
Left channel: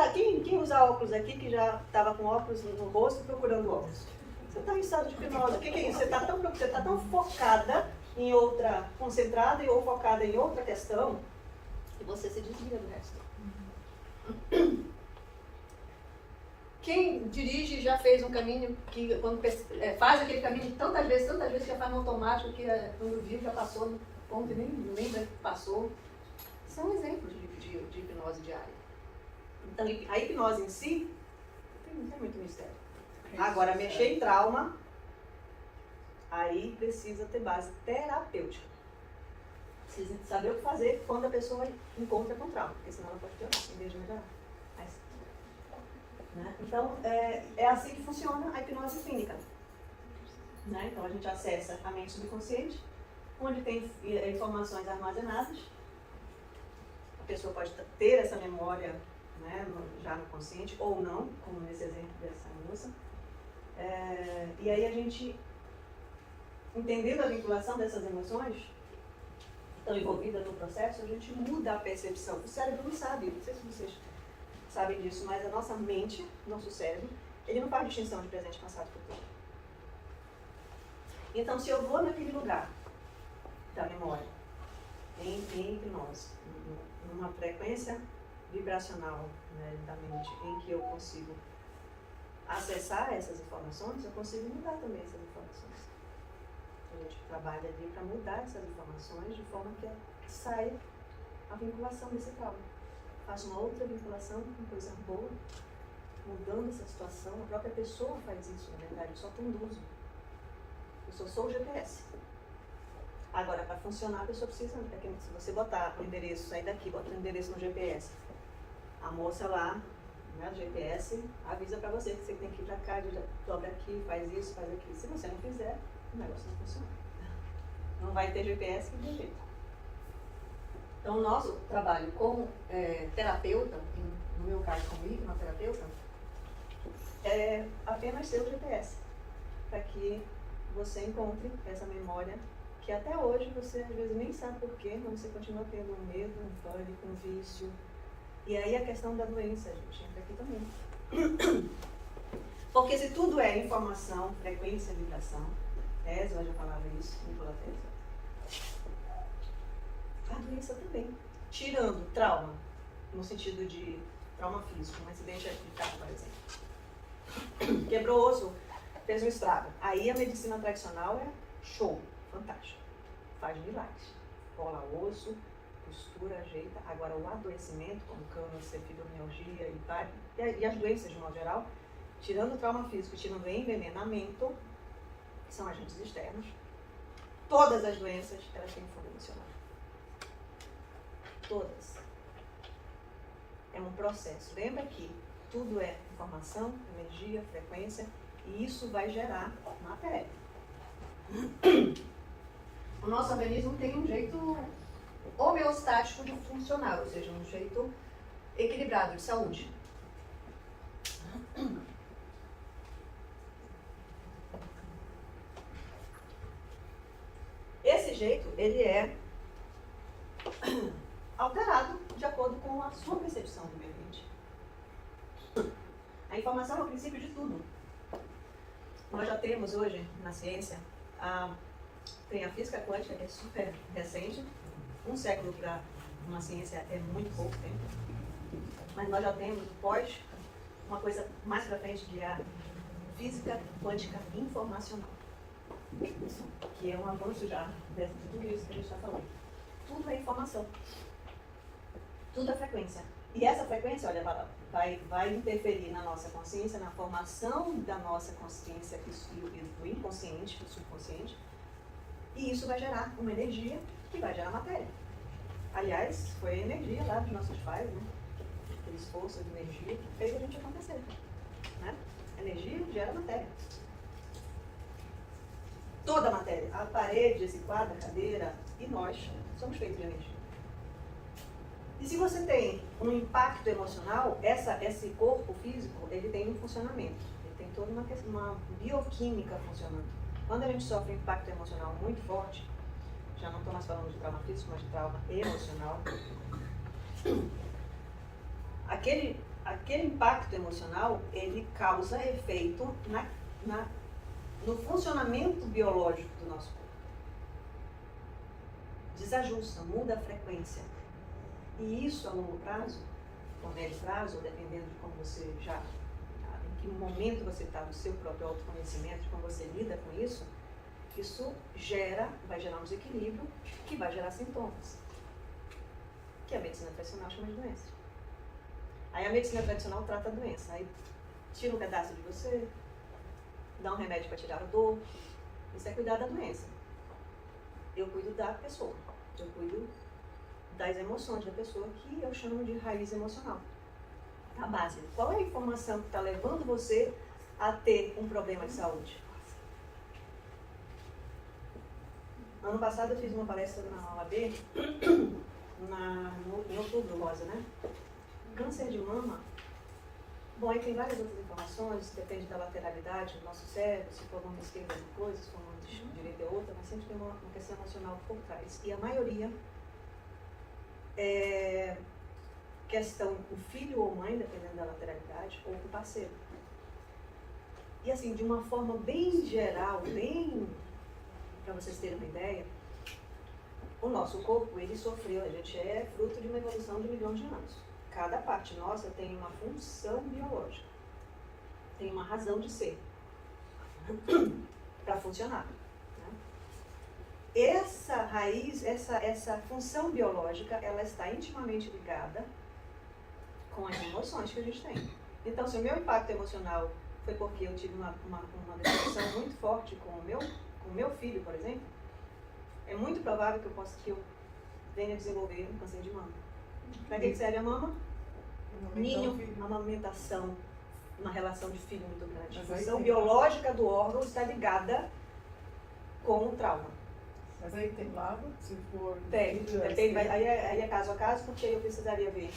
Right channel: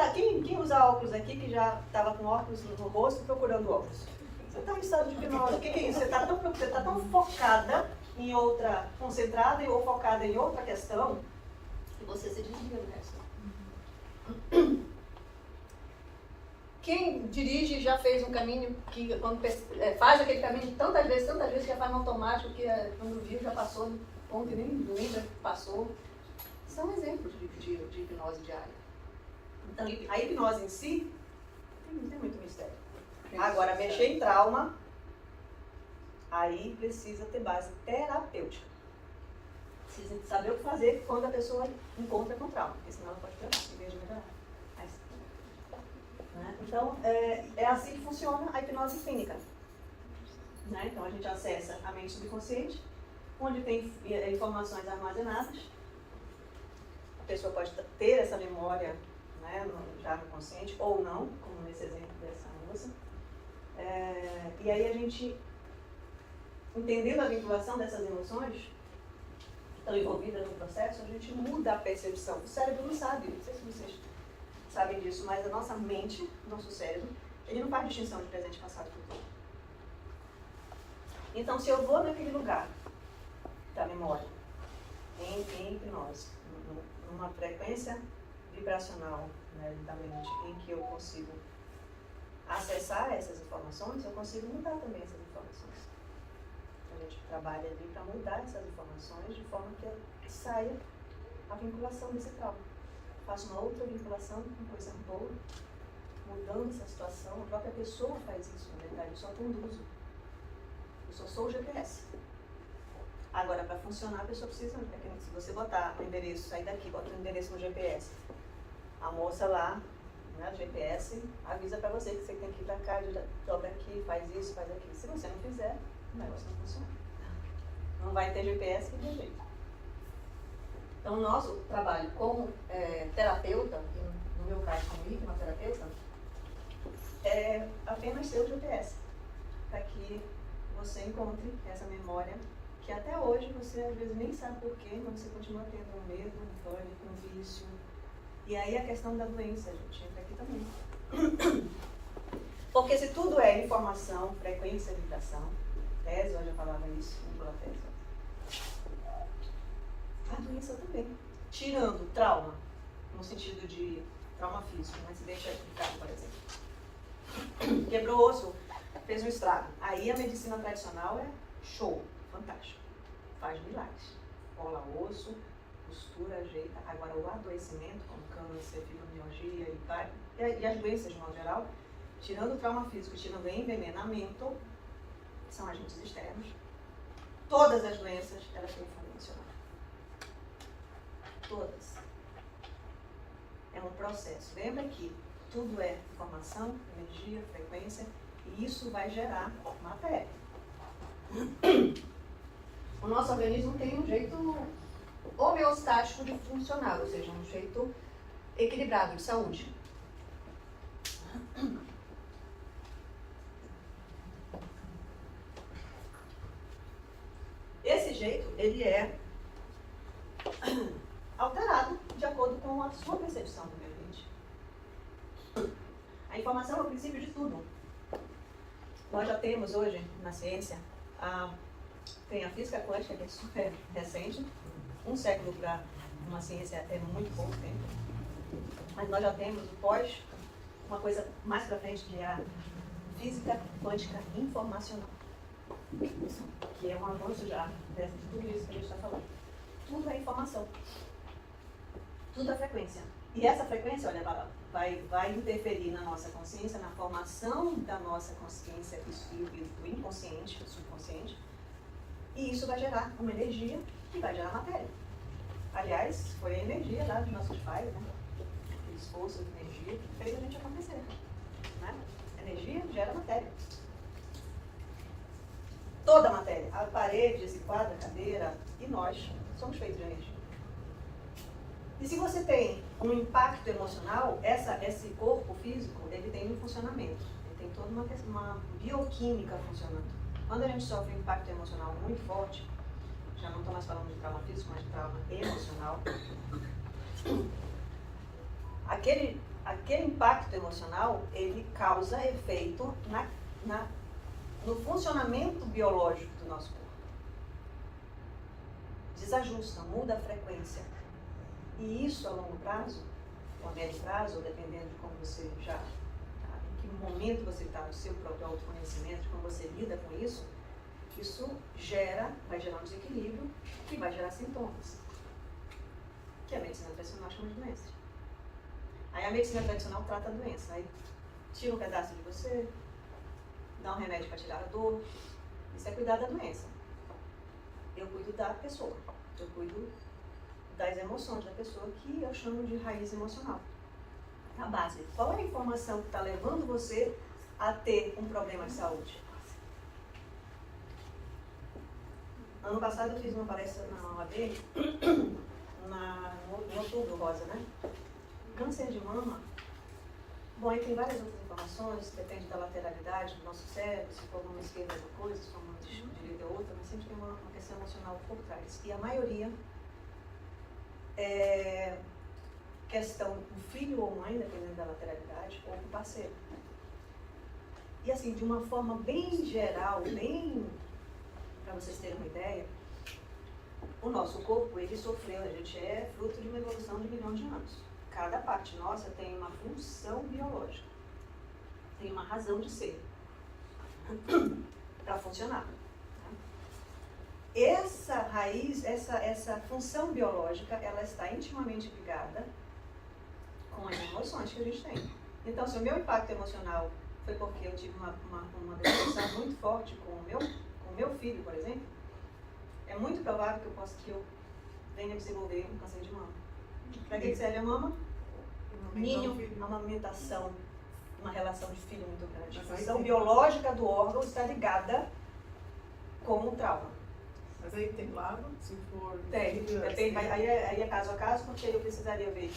usa óculos aqui que já estava com óculos no rosto procurando óculos? Você está em estado de hipnose. O que é isso? Você está tão focada em outra, concentrada ou focada em outra questão, que você se desvia do resto. Quem dirige já fez um caminho que, quando faz aquele caminho tantas vezes, já faz no automático, que quando viu já passou, ponto e nem lembra que passou. São exemplos de hipnose diária. Então, a hipnose em si, não tem muito mistério. Agora, mexer em trauma, aí precisa ter base terapêutica. Precisa saber o que fazer quando a pessoa encontra com trauma, porque senão ela pode piorar, em vez de melhorar. Né? Então, é assim que funciona a hipnose clínica. Né? Então, a gente acessa a mente subconsciente, onde tem informações armazenadas. A pessoa pode ter essa memória, né, já no consciente, ou não, como nesse exemplo dessa moça. E aí a gente, entendendo a vinculação dessas emoções que estão envolvidas no processo, a gente muda a percepção. O cérebro não sabe, não sei se vocês sabem disso, mas a nossa mente, nosso cérebro, ele não faz distinção de presente, passado e futuro. Então, se eu vou naquele lugar da memória, em hipnose, numa frequência vibracional, né, da mente, em que eu consigo acessar essas informações, eu consigo mudar também essas informações. A gente trabalha ali para mudar essas informações de forma que saia a vinculação desse trauma. Faço uma outra vinculação com coisa boa, mudando essa situação. A própria pessoa faz isso, né, cara? Eu só conduzo. Eu só sou o GPS. Agora, para funcionar, a pessoa precisa, se você botar o endereço, sair daqui, bota o endereço no GPS, a moça lá, né, o GPS, avisa para você que você tem que ir para cá, dobra aqui, faz isso, faz aquilo. Se você não fizer, o negócio não funciona. Não vai ter GPS, não tem jeito. Então, o nosso trabalho como terapeuta, no meu caso como hipnoterapeuta, é apenas ser o GPS, para que você encontre essa memória que até hoje você às vezes nem sabe porquê, mas você continua tendo um medo, um pânico, um vício. E aí a questão da doença, a gente entra aqui também. Porque se tudo é informação, frequência, vibração, Tesla já falava isso, Nikola Tesla, a doença também. Tirando trauma, no sentido de trauma físico, um acidente de carro, por exemplo. Quebrou o osso, fez um estrago. Aí a medicina tradicional é show, fantástico. Faz milagres. Cola osso, costura, ajeita. Agora o adoecimento, como câncer, fibromialgia e as doenças de modo geral, tirando o trauma físico, tirando o envenenamento, que são agentes externos, todas as doenças elas têm fundo emocional. Todas. É um processo. Lembra que tudo é informação, energia, frequência, e isso vai gerar matéria. O nosso organismo tem um jeito homeostático de funcionar, ou seja, um jeito equilibrado de saúde. Esse jeito, ele é alterado de acordo com a sua percepção do meio ambiente. A informação é o princípio de tudo. Nós já temos hoje, na ciência, tem a física quântica, que é super recente. Um século para uma ciência é muito pouco tempo. Mas nós já temos uma coisa mais para frente, que é a física quântica informacional, que é um avanço já de tudo isso que a gente está falando. Tudo é informação. Tudo é frequência. E essa frequência, olha, vai interferir na nossa consciência, na formação da nossa consciência e do inconsciente, do subconsciente. E isso vai gerar uma energia que vai gerar matéria. Aliás, foi a energia lá dos nossos pais, né? Aquele esforço de energia que fez a gente acontecer. Né? Energia gera matéria. Toda a matéria. A parede, esse quadro, a cadeira e nós somos feitos de energia. E se você tem um impacto emocional, esse corpo físico, ele tem um funcionamento. Ele tem toda uma bioquímica funcionando. Quando a gente sofre um impacto emocional muito forte, já não estou mais falando de trauma físico, mas de trauma emocional, aquele impacto emocional, ele causa efeito no funcionamento biológico do nosso corpo. Desajusta, muda a frequência. E isso a longo prazo, ou a médio prazo, ou dependendo de como você em que momento você está no seu próprio autoconhecimento, de como você lida com isso, isso vai gerar um desequilíbrio que vai gerar sintomas, que a medicina tradicional chama de doença. Aí a medicina tradicional trata a doença, aí tira um pedaço de você, dá um remédio para tirar a dor, isso é cuidar da doença. Eu cuido da pessoa, eu cuido das emoções da pessoa, que eu chamo de raiz emocional. A base. Qual é a informação que está levando você a ter um problema de saúde? Ano passado eu fiz uma palestra na OAB, no Outubro Rosa, né? Câncer de mama. Bom, aí tem várias outras informações, depende da lateralidade do nosso cérebro, se for uma esquerda é uma coisa, se for uma direita é outra, mas sempre tem uma questão emocional por trás. E a maioria é questão com filho ou mãe, dependendo da lateralidade, ou com parceiro. E assim, de uma forma bem geral, bem para vocês terem uma ideia, o nosso corpo, ele sofreu, a gente é fruto de uma evolução de milhões de anos. Cada parte nossa tem uma função biológica, tem uma razão de ser para funcionar. Né? Essa raiz, essa função biológica, ela está intimamente ligada com as emoções que a gente tem. Então, se o meu impacto emocional foi porque eu tive uma depressão muito forte com o meu filho, por exemplo, é muito provável que eu venha desenvolver um câncer de mama. Para que serve a mama? Ninho, amamentação, uma relação de filho muito grande. A função biológica do órgão está ligada com o trauma. Mas aí tem lado, se for... Tem, depende, aí é caso a caso, porque eu precisaria ver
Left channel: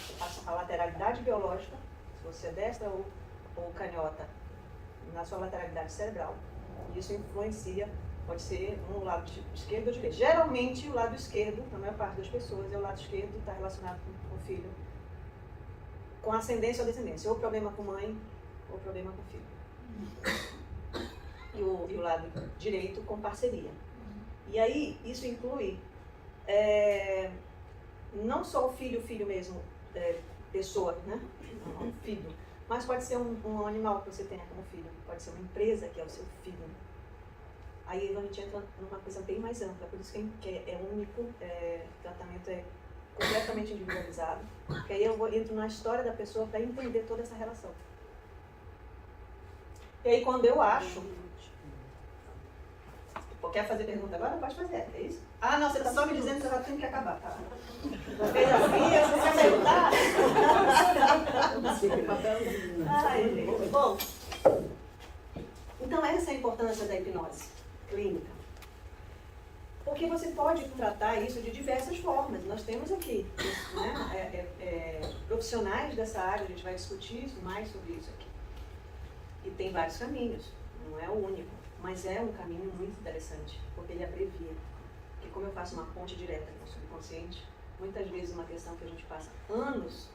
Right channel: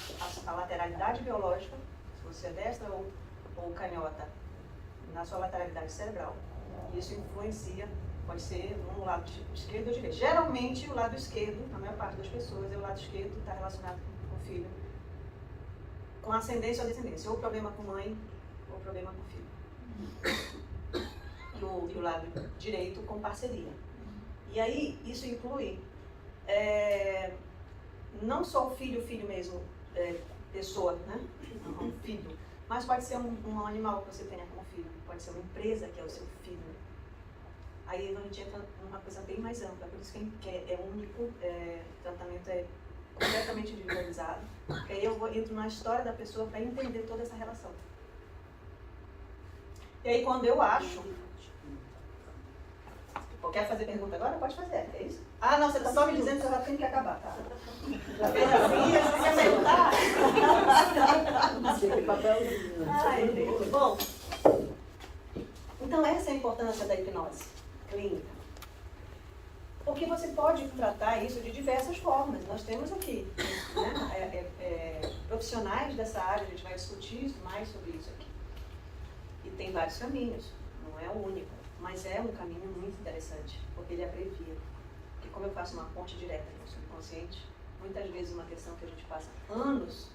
a lateralidade biológica, se você é destra ou canhota, na sua lateralidade cerebral. Isso influencia, pode ser um lado esquerdo ou direito. Geralmente, o lado esquerdo, na maior parte das pessoas, é o lado esquerdo está relacionado com o filho, com ascendência ou descendência, ou problema com mãe, ou problema com filho. E o lado direito com parceria. E aí, isso inclui não só o filho mesmo, pessoa, né? Filho. Mas pode ser um animal que você tenha como filho. Pode ser uma empresa que é o seu filho. Aí a gente entra numa coisa bem mais ampla. Por isso que é único, o tratamento é completamente individualizado. Porque aí eu entro na história da pessoa para entender toda essa relação. E aí quando eu acho... Quer fazer pergunta agora? Pode fazer, é isso? Ah, não, você está só me dizendo que eu já tenho que acabar, tá? Fez assim, eu vou perguntar. Ai, gente. Bom, então essa é a importância da hipnose clínica. Porque você pode tratar isso de diversas formas. Nós temos aqui, né, profissionais dessa área, a gente vai discutir mais sobre isso aqui. E tem vários caminhos, não é o único. Mas é um caminho muito interessante, porque ele abrevia. Porque como eu faço uma ponte direta com o subconsciente, muitas vezes uma questão que a gente passa anos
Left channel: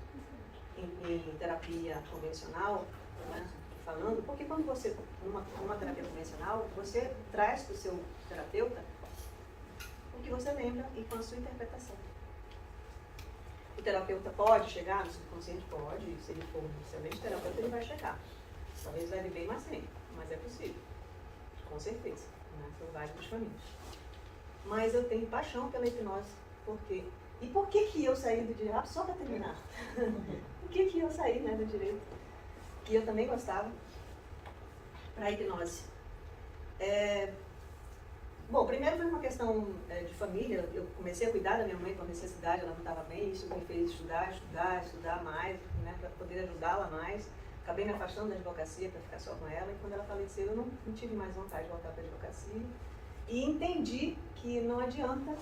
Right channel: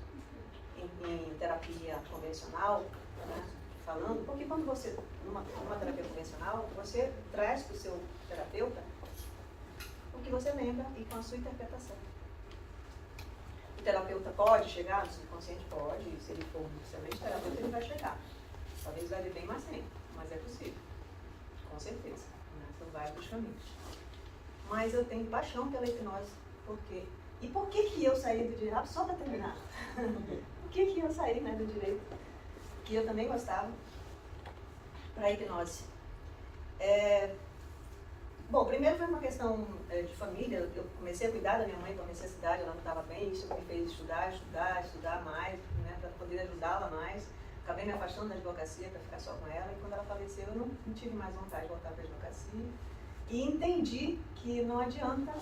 em terapia convencional, né, falando, porque quando você, numa terapia convencional, você traz para o seu terapeuta o que você lembra e com a sua interpretação. O terapeuta pode chegar no subconsciente? Pode, se ele for um excelente terapeuta, ele vai chegar. Talvez leve bem mais tempo, mas é possível. Com certeza, né? São vários caminhos. Mas eu tenho paixão pela hipnose. Por quê? E por que eu saí do direito? Só para terminar. Por que eu saí, né, do direito? Que eu também gostava, para a hipnose. Bom, primeiro foi uma questão de família. Eu comecei a cuidar da minha mãe com a necessidade, ela não estava bem. Isso me fez estudar mais, né, para poder ajudá-la mais. Acabei me afastando da advocacia para ficar só com ela, e quando ela faleceu eu não tive mais vontade de voltar para a advocacia. E entendi que não adianta,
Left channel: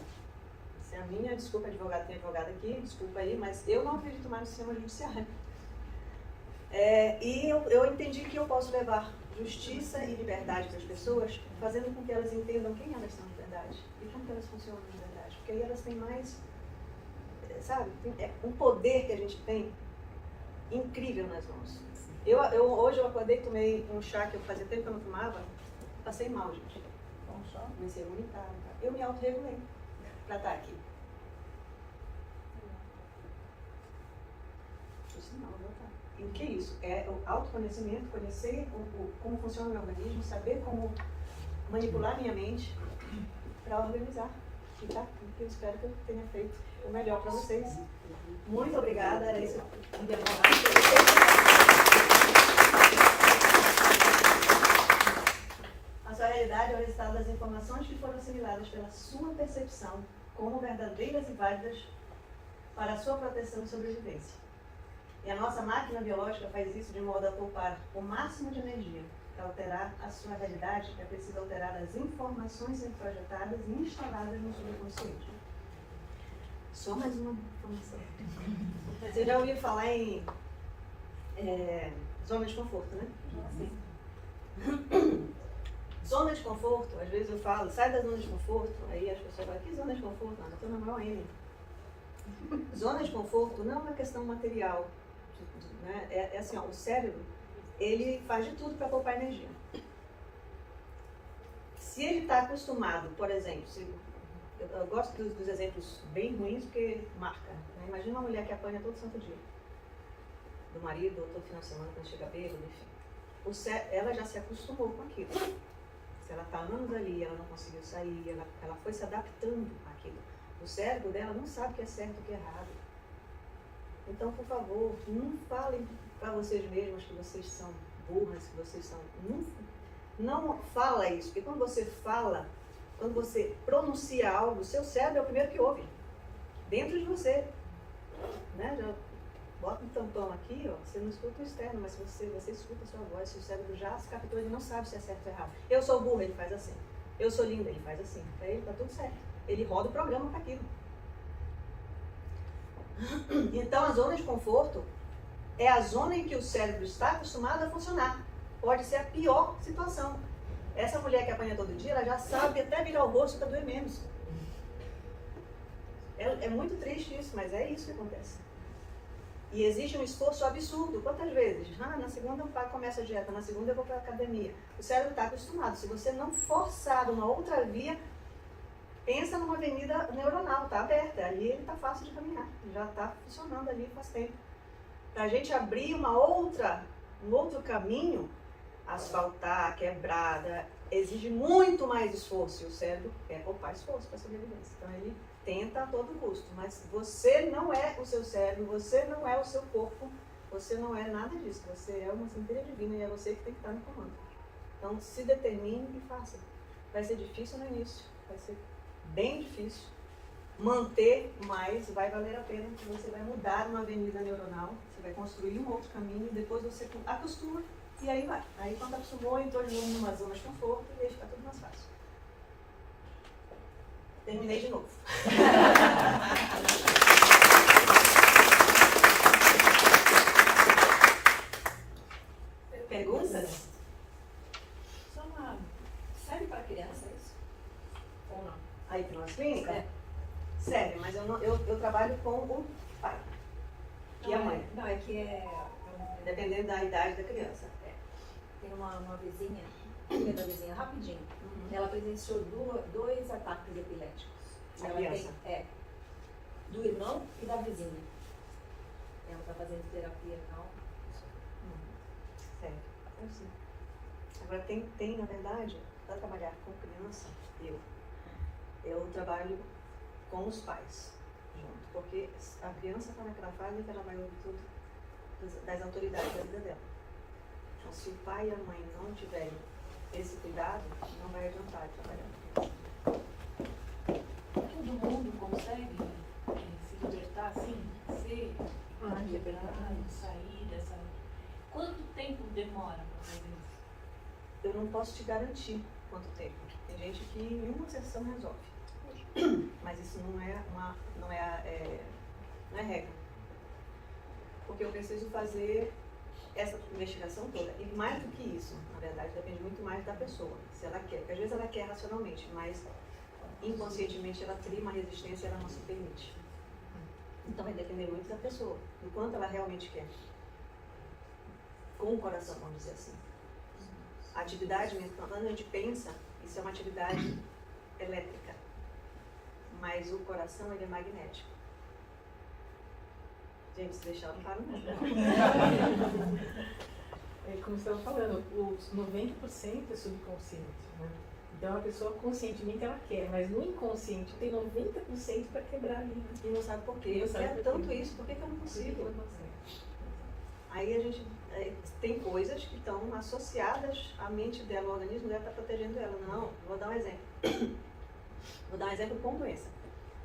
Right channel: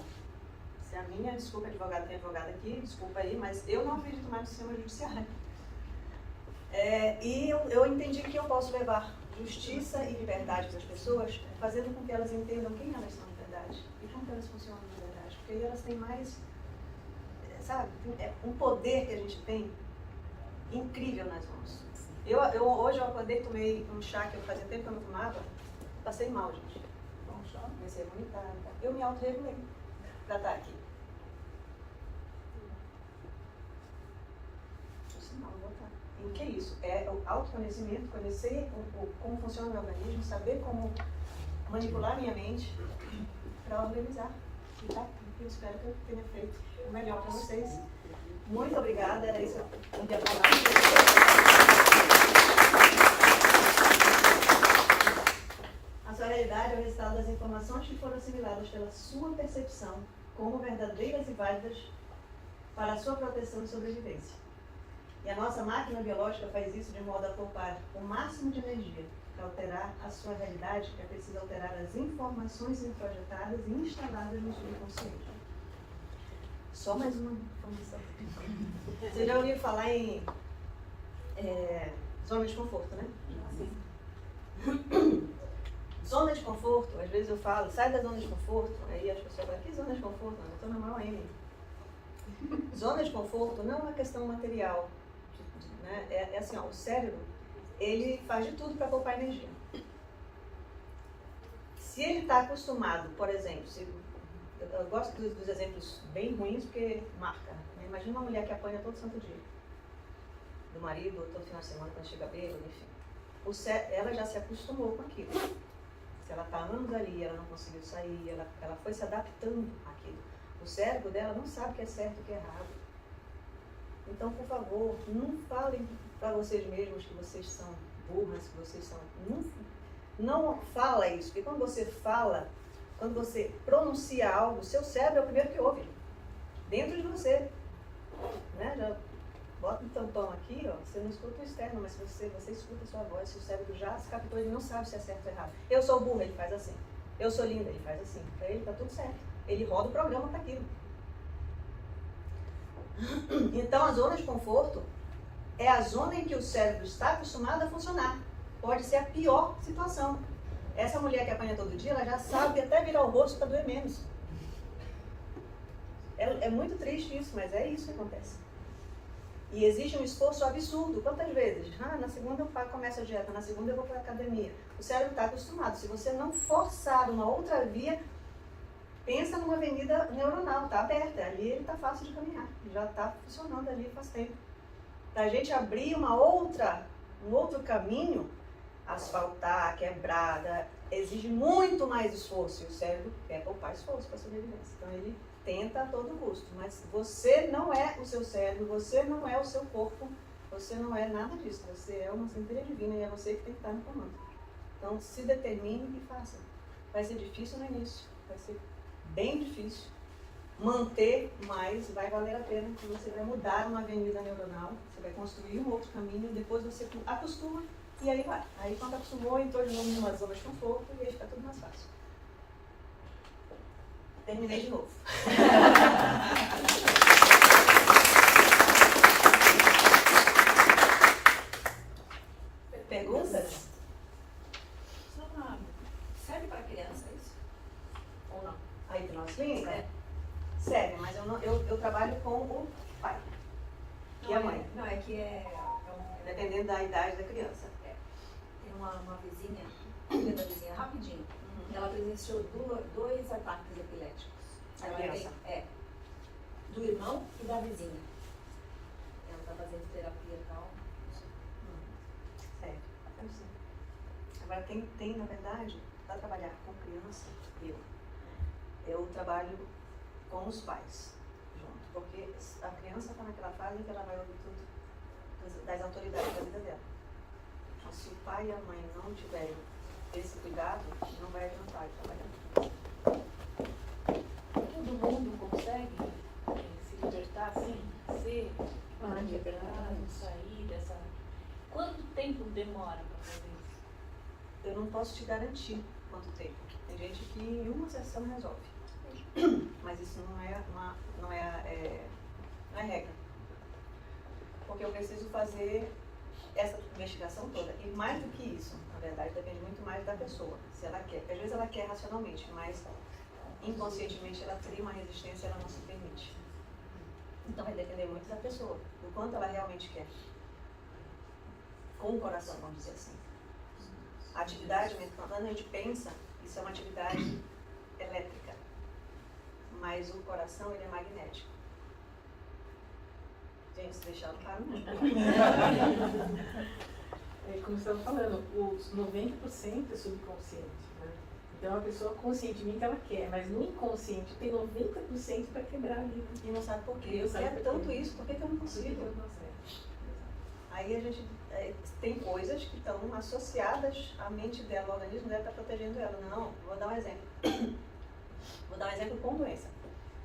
se a minha, desculpa, advogado, tem advogado aqui, desculpa aí, mas eu não acredito mais no sistema judiciário. E eu entendi que eu posso levar justiça e liberdade para as pessoas, fazendo com que elas entendam quem elas são de verdade e como elas funcionam de verdade. Porque aí elas têm mais, sabe, um poder que a gente tem incrível nas mãos. Hoje eu acordei, tomei um chá que eu fazia tempo que eu não tomava, passei mal, gente. Comecei a vomitar. Eu me auto-regulei para estar aqui. O sinal, vou voltar. E o que é isso? É o autoconhecimento, conhecer como funciona o meu organismo, saber como manipular minha mente para organizar. E tá? Eu espero que eu tenha feito o melhor para vocês. Muito obrigada, era isso que eu queria falar. A sua realidade é o resultado das informações que foram assimiladas pela sua percepção como verdadeiras e válidas para a sua proteção e sobrevivência. E a nossa máquina biológica faz isso de modo a poupar o máximo de energia. Para alterar a sua realidade, é preciso alterar as informações introjetadas e instaladas no subconsciente. Só mais uma informação. Você já ouviu falar em zona de conforto, né? Sim. Zona de conforto, às vezes eu falo, sai da zona de conforto, aí as pessoas falam, que zona de conforto? Não, eu estou na maior M. Zona de conforto não é uma questão material, né? É assim, ó, o cérebro, ele faz de tudo para poupar energia. Se ele está acostumado, por exemplo, eu gosto dos exemplos bem ruins porque marca, né? Imagina uma mulher que apanha todo santo dia, do marido, ou todo final de semana quando chega bêbado, enfim. Ela já se acostumou com aquilo. Se ela está anos ali, ela não conseguiu sair, ela foi se adaptando àquilo. O cérebro dela não sabe o que é certo e o que é errado. Então, por favor, não falem para vocês mesmos que vocês são burras, que vocês são... Não fala isso, porque quando você fala, quando você pronuncia algo, o seu cérebro é o primeiro que ouve, dentro de você. Né? Já bota um tampão aqui, ó, você não escuta o externo, mas você escuta a sua voz, se o cérebro já se captou, ele não sabe se é certo ou errado. Eu sou burra, ele faz assim. Eu sou linda, ele faz assim. Para ele tá tudo certo. Ele roda o programa para aquilo. Então, a zona de conforto é a zona em que o cérebro está acostumado a funcionar. Pode ser a pior situação. Essa mulher que apanha todo dia, ela já sabe até virar o rosto para doer menos. É muito triste isso, mas é isso que acontece. E exige um esforço absurdo. Quantas vezes? Na segunda eu começo a dieta, na segunda eu vou para a academia. O cérebro está acostumado. Se você não forçar uma outra via, pensa numa avenida neuronal, está aberta. Ali ele está fácil de caminhar. Já está funcionando ali faz tempo. Para a gente abrir um outro caminho, asfaltar, quebrada, exige muito mais esforço. E o cérebro quer poupar esforço para sobrevivência. Então ele tenta a todo custo, mas você não é o seu cérebro, você não é o seu corpo, você não é nada disso, você é uma centelha divina e é você que tem que estar no comando. Então se determine e faça. Vai ser difícil no início, vai ser bem difícil, manter, mas vai valer a pena, porque você vai mudar uma avenida neuronal, você vai construir um outro caminho e depois você acostuma e aí vai. Aí quando acostumou, entrou de novo numa zona de conforto e aí fica tudo mais fácil. Terminei de novo. Perguntas? Serve para criança isso? Ou não? A hipnose clínica? Serve, mas eu trabalho com o pai e a mãe. Não, é que Dependendo da idade da criança. tem uma vizinha, da vizinha rapidinho. Ela presenciou dois ataques epiléticos. A criança? Do irmão e da vizinha. Ela está fazendo terapia e tal. Sério, eu sei. Agora tem, na verdade, para trabalhar com criança, eu trabalho com os pais junto, porque a criança está naquela fase em que ela vai ouvir tudo das autoridades da vida dela. Então, se o pai e a mãe não tiverem esse cuidado, não vai adiantar de trabalhar. Todo mundo consegue se libertar assim, ser quebrado, sair dessa. Quanto tempo demora para fazer isso? Eu não posso te garantir quanto tempo. Tem gente que em uma sessão resolve. Mas isso não é regra. Porque eu preciso fazer essa investigação toda. E mais do que isso, na verdade, depende muito mais da pessoa. Se ela quer. Porque às vezes ela quer racionalmente, mas inconscientemente ela cria uma resistência e ela não se permite. Então vai depender muito da pessoa, do quanto ela realmente quer. Com o coração, vamos dizer assim. A atividade, quando a gente pensa, isso é uma atividade elétrica. Mas o coração, ele é magnético. Gente, se deixar, não para não. Como você estava falando, os 90% é subconsciente, né? Então a pessoa conscientemente ela quer, mas no inconsciente tem 90% para quebrar ali, né? E não sabe por quê. Eu quero tanto isso, por que eu não consigo? Aí a gente tem coisas que estão associadas à mente dela, o organismo dela está protegendo ela. Não, vou dar um exemplo. Vou dar um exemplo com doença.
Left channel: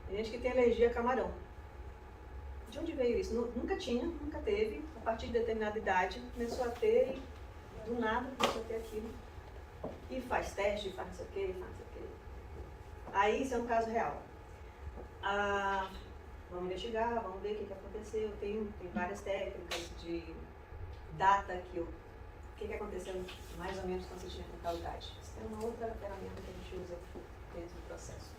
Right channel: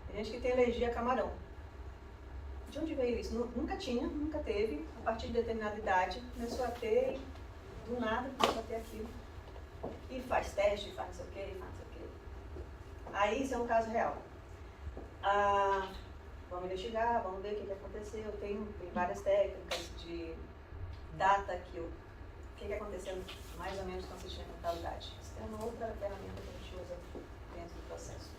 Tem gente que tem alergia a camarão. De onde veio isso? Nunca tinha, nunca teve. A partir de determinada idade, começou a ter, do nada começou a ter aquilo. E faz teste, faz não sei o quê, faz não sei o quê. Aí isso é um caso real. Vamos investigar, vamos ver o que aconteceu. Tem várias técnicas de data o que aconteceu mais ou menos quando você tinha com tal idade. Isso tem uma outra ferramenta que a gente usa dentro do processo.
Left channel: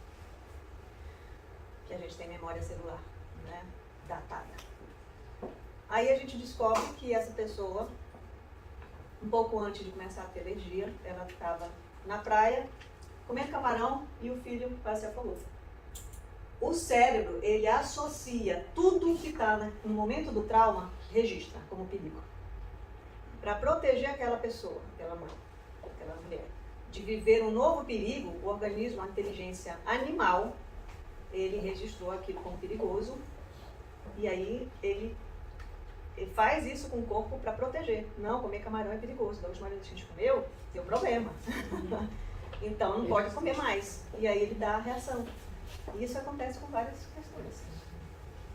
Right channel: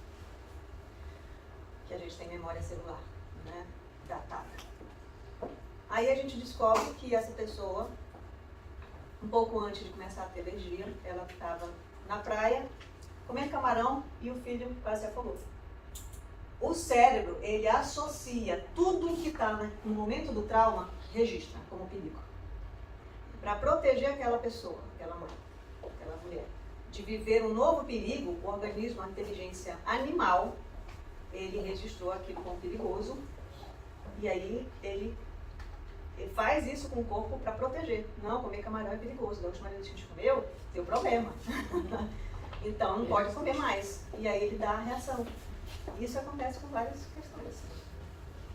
Que a gente tem memória celular, né? Datada. Aí a gente descobre que essa pessoa, um pouco antes de começar a ter alergia, ela estava na praia, comendo camarão e o filho quase se afogou. O cérebro, ele associa tudo que está no momento do trauma, registra como perigo. Para proteger aquela pessoa, aquela mãe, aquela mulher, de viver um novo perigo, o organismo, a inteligência animal, ele registrou aquilo como perigoso e aí ele faz isso com o corpo para proteger. Não, comer camarão é perigoso. Da última vez que a gente comeu, deu problema. Então não pode comer mais. E aí ele dá a reação. E isso acontece com várias questões.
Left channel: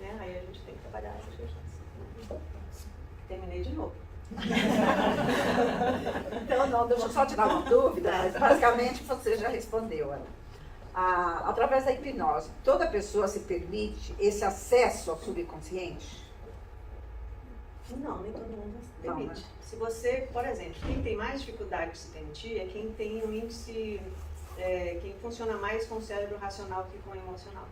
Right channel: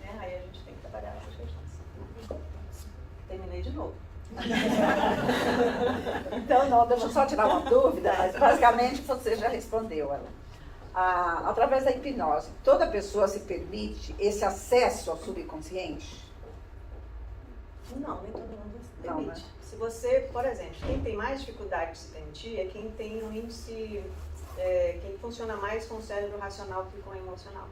Né? Aí a gente tem que trabalhar essas questões. Terminei de novo. Então, não, deixa eu só tirar uma dúvida, mas basicamente você já respondeu ela. Através da hipnose, toda pessoa se permite esse acesso ao subconsciente? Não, nem todo mundo se Não, permite. né? Se você, por exemplo, quem tem mais dificuldade de se permitir é quem tem um índice, quem funciona mais com o cérebro racional que com o emocional.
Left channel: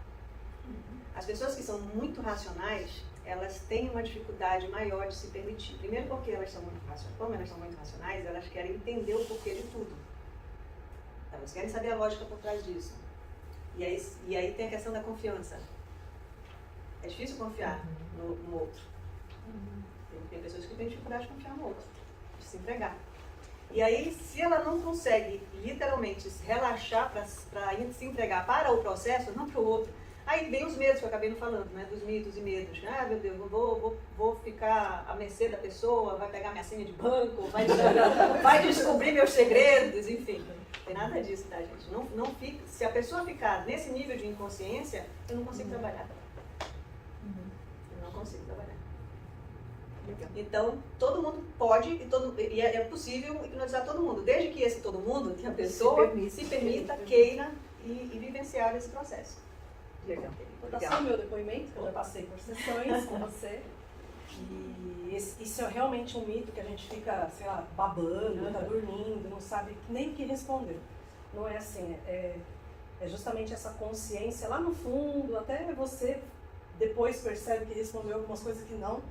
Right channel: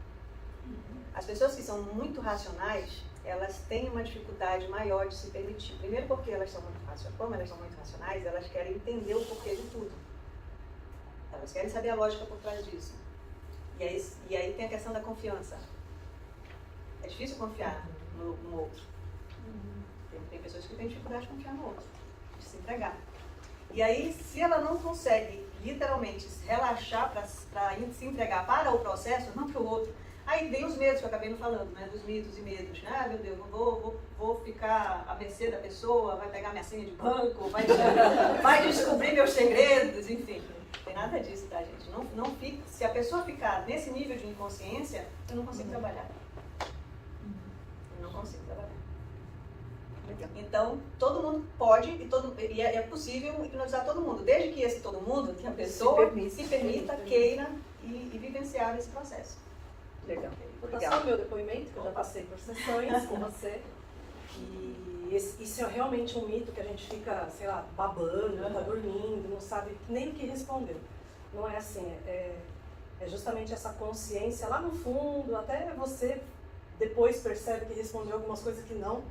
As pessoas que são muito racionais, elas têm uma dificuldade maior de se permitir. Primeiro porque elas são muito racionais. Como elas são muito racionais, elas querem entender o porquê de tudo. Elas querem saber a lógica por trás disso. E aí tem a questão da confiança. É difícil confiar no outro. Tem pessoas que têm dificuldade de confiar no outro, de se entregar. E aí, se ela não consegue literalmente relaxar para se entregar para o processo, não para o outro, aí vem os medos que eu acabei não falando, né? Dos mitos e medos. Ah, meu Deus, vou ficar à mercê da pessoa, vai pegar minha senha de banco, vai descobrir meus segredos, enfim. Não tem nada disso, tá, gente? Não fica, se a pessoa ficar nesse nível de inconsciência, eu não consigo trabalhar. Eu não consigo trabalhar. Então, todo mundo pode e é possível hipnotizar todo mundo, desde que esse todo mundo, que a pessoa se permita, queira e vivenciar esse processo. Legal. Vou passar o meu depoimento, que eu já passei por sessões com você. E isso é realmente um mito que a gente fica, sei lá, babando, tá dormindo, não sabe nem o que responder. Não é assim, é justamente essa consciência lá no fundo, até você depois percebe que respondeu algumas coisas que não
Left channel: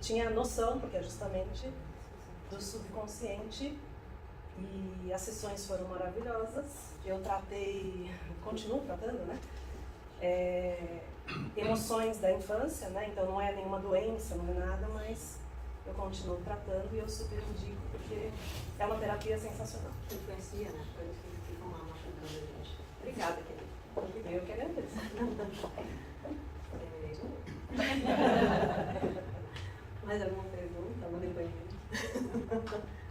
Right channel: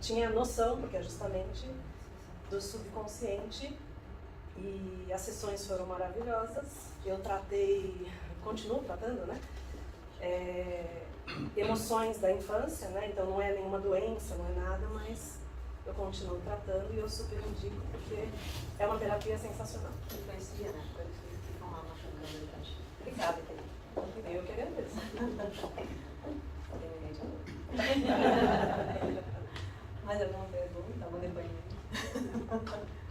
tinha noção, porque é justamente do subconsciente. E as sessões foram maravilhosas. Eu tratei, continuo tratando, né? Emoções da infância, né? Então não é nenhuma doença, não é nada, mas eu continuo tratando e eu super indico porque é uma terapia sensacional. Influencia, né? Coisa que fica mal machucando a gente. Obrigada, querida. Eu que agradeço. Mais alguma pergunta? Algum depoimento?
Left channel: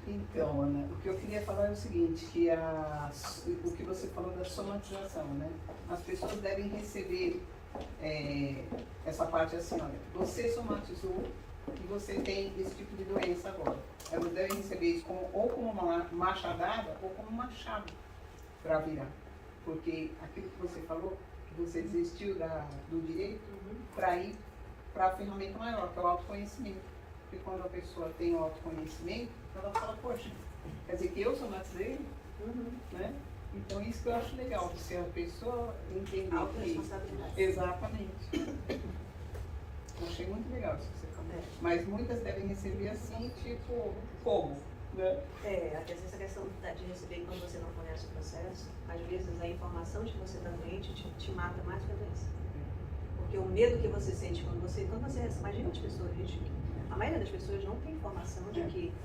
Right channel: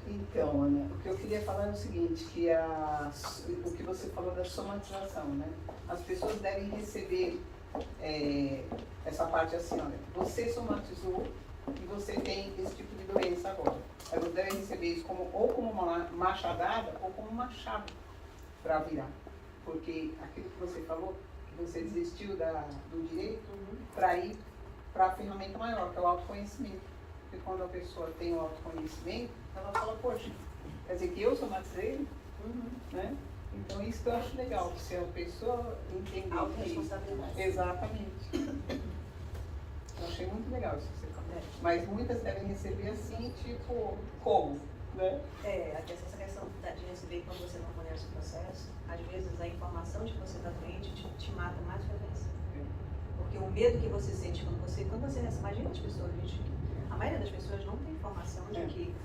Então, Ana, o que eu queria falar é o seguinte, que o que você falou da somatização, né? As pessoas devem receber essa parte assim, olha, você somatizou e você tem esse tipo de doença agora. Elas devem receber isso ou como uma machadada ou como uma chave para virar. Porque aquilo que você falou, que você desistiu do direito para ir para a ferramenta maior, que é o autoconhecimento. Porque quando a pessoa tem o autoconhecimento, ela fala, poxa, quer dizer que eu somatizei, né? Então isso que eu acho legal, se a pessoa entender que... Autoresponsabilidade. Exatamente. Eu achei muito legal isso que você falou. Mas muitas devem receber assim, tipo, como? Né? Essa questão de receber quando você não conhece o processo, às vezes a informação de que você está doente te mata mais do que a doença. Porque o medo que você sente quando você imagina as pessoas, gente, a maioria das pessoas não tem informação de que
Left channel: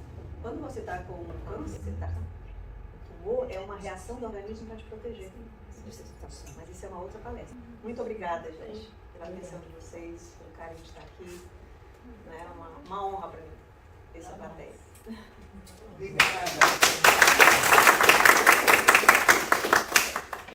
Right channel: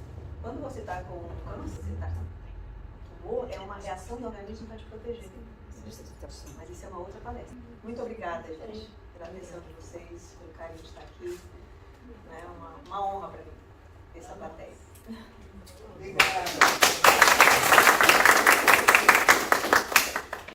quando você está com câncer, tumor, é uma reação do organismo para te proteger. Mas isso é uma outra palestra. Muito obrigada, gente, pela atenção de vocês, pelo carinho de estar aqui. É uma honra para mim essa plateia. Obrigada.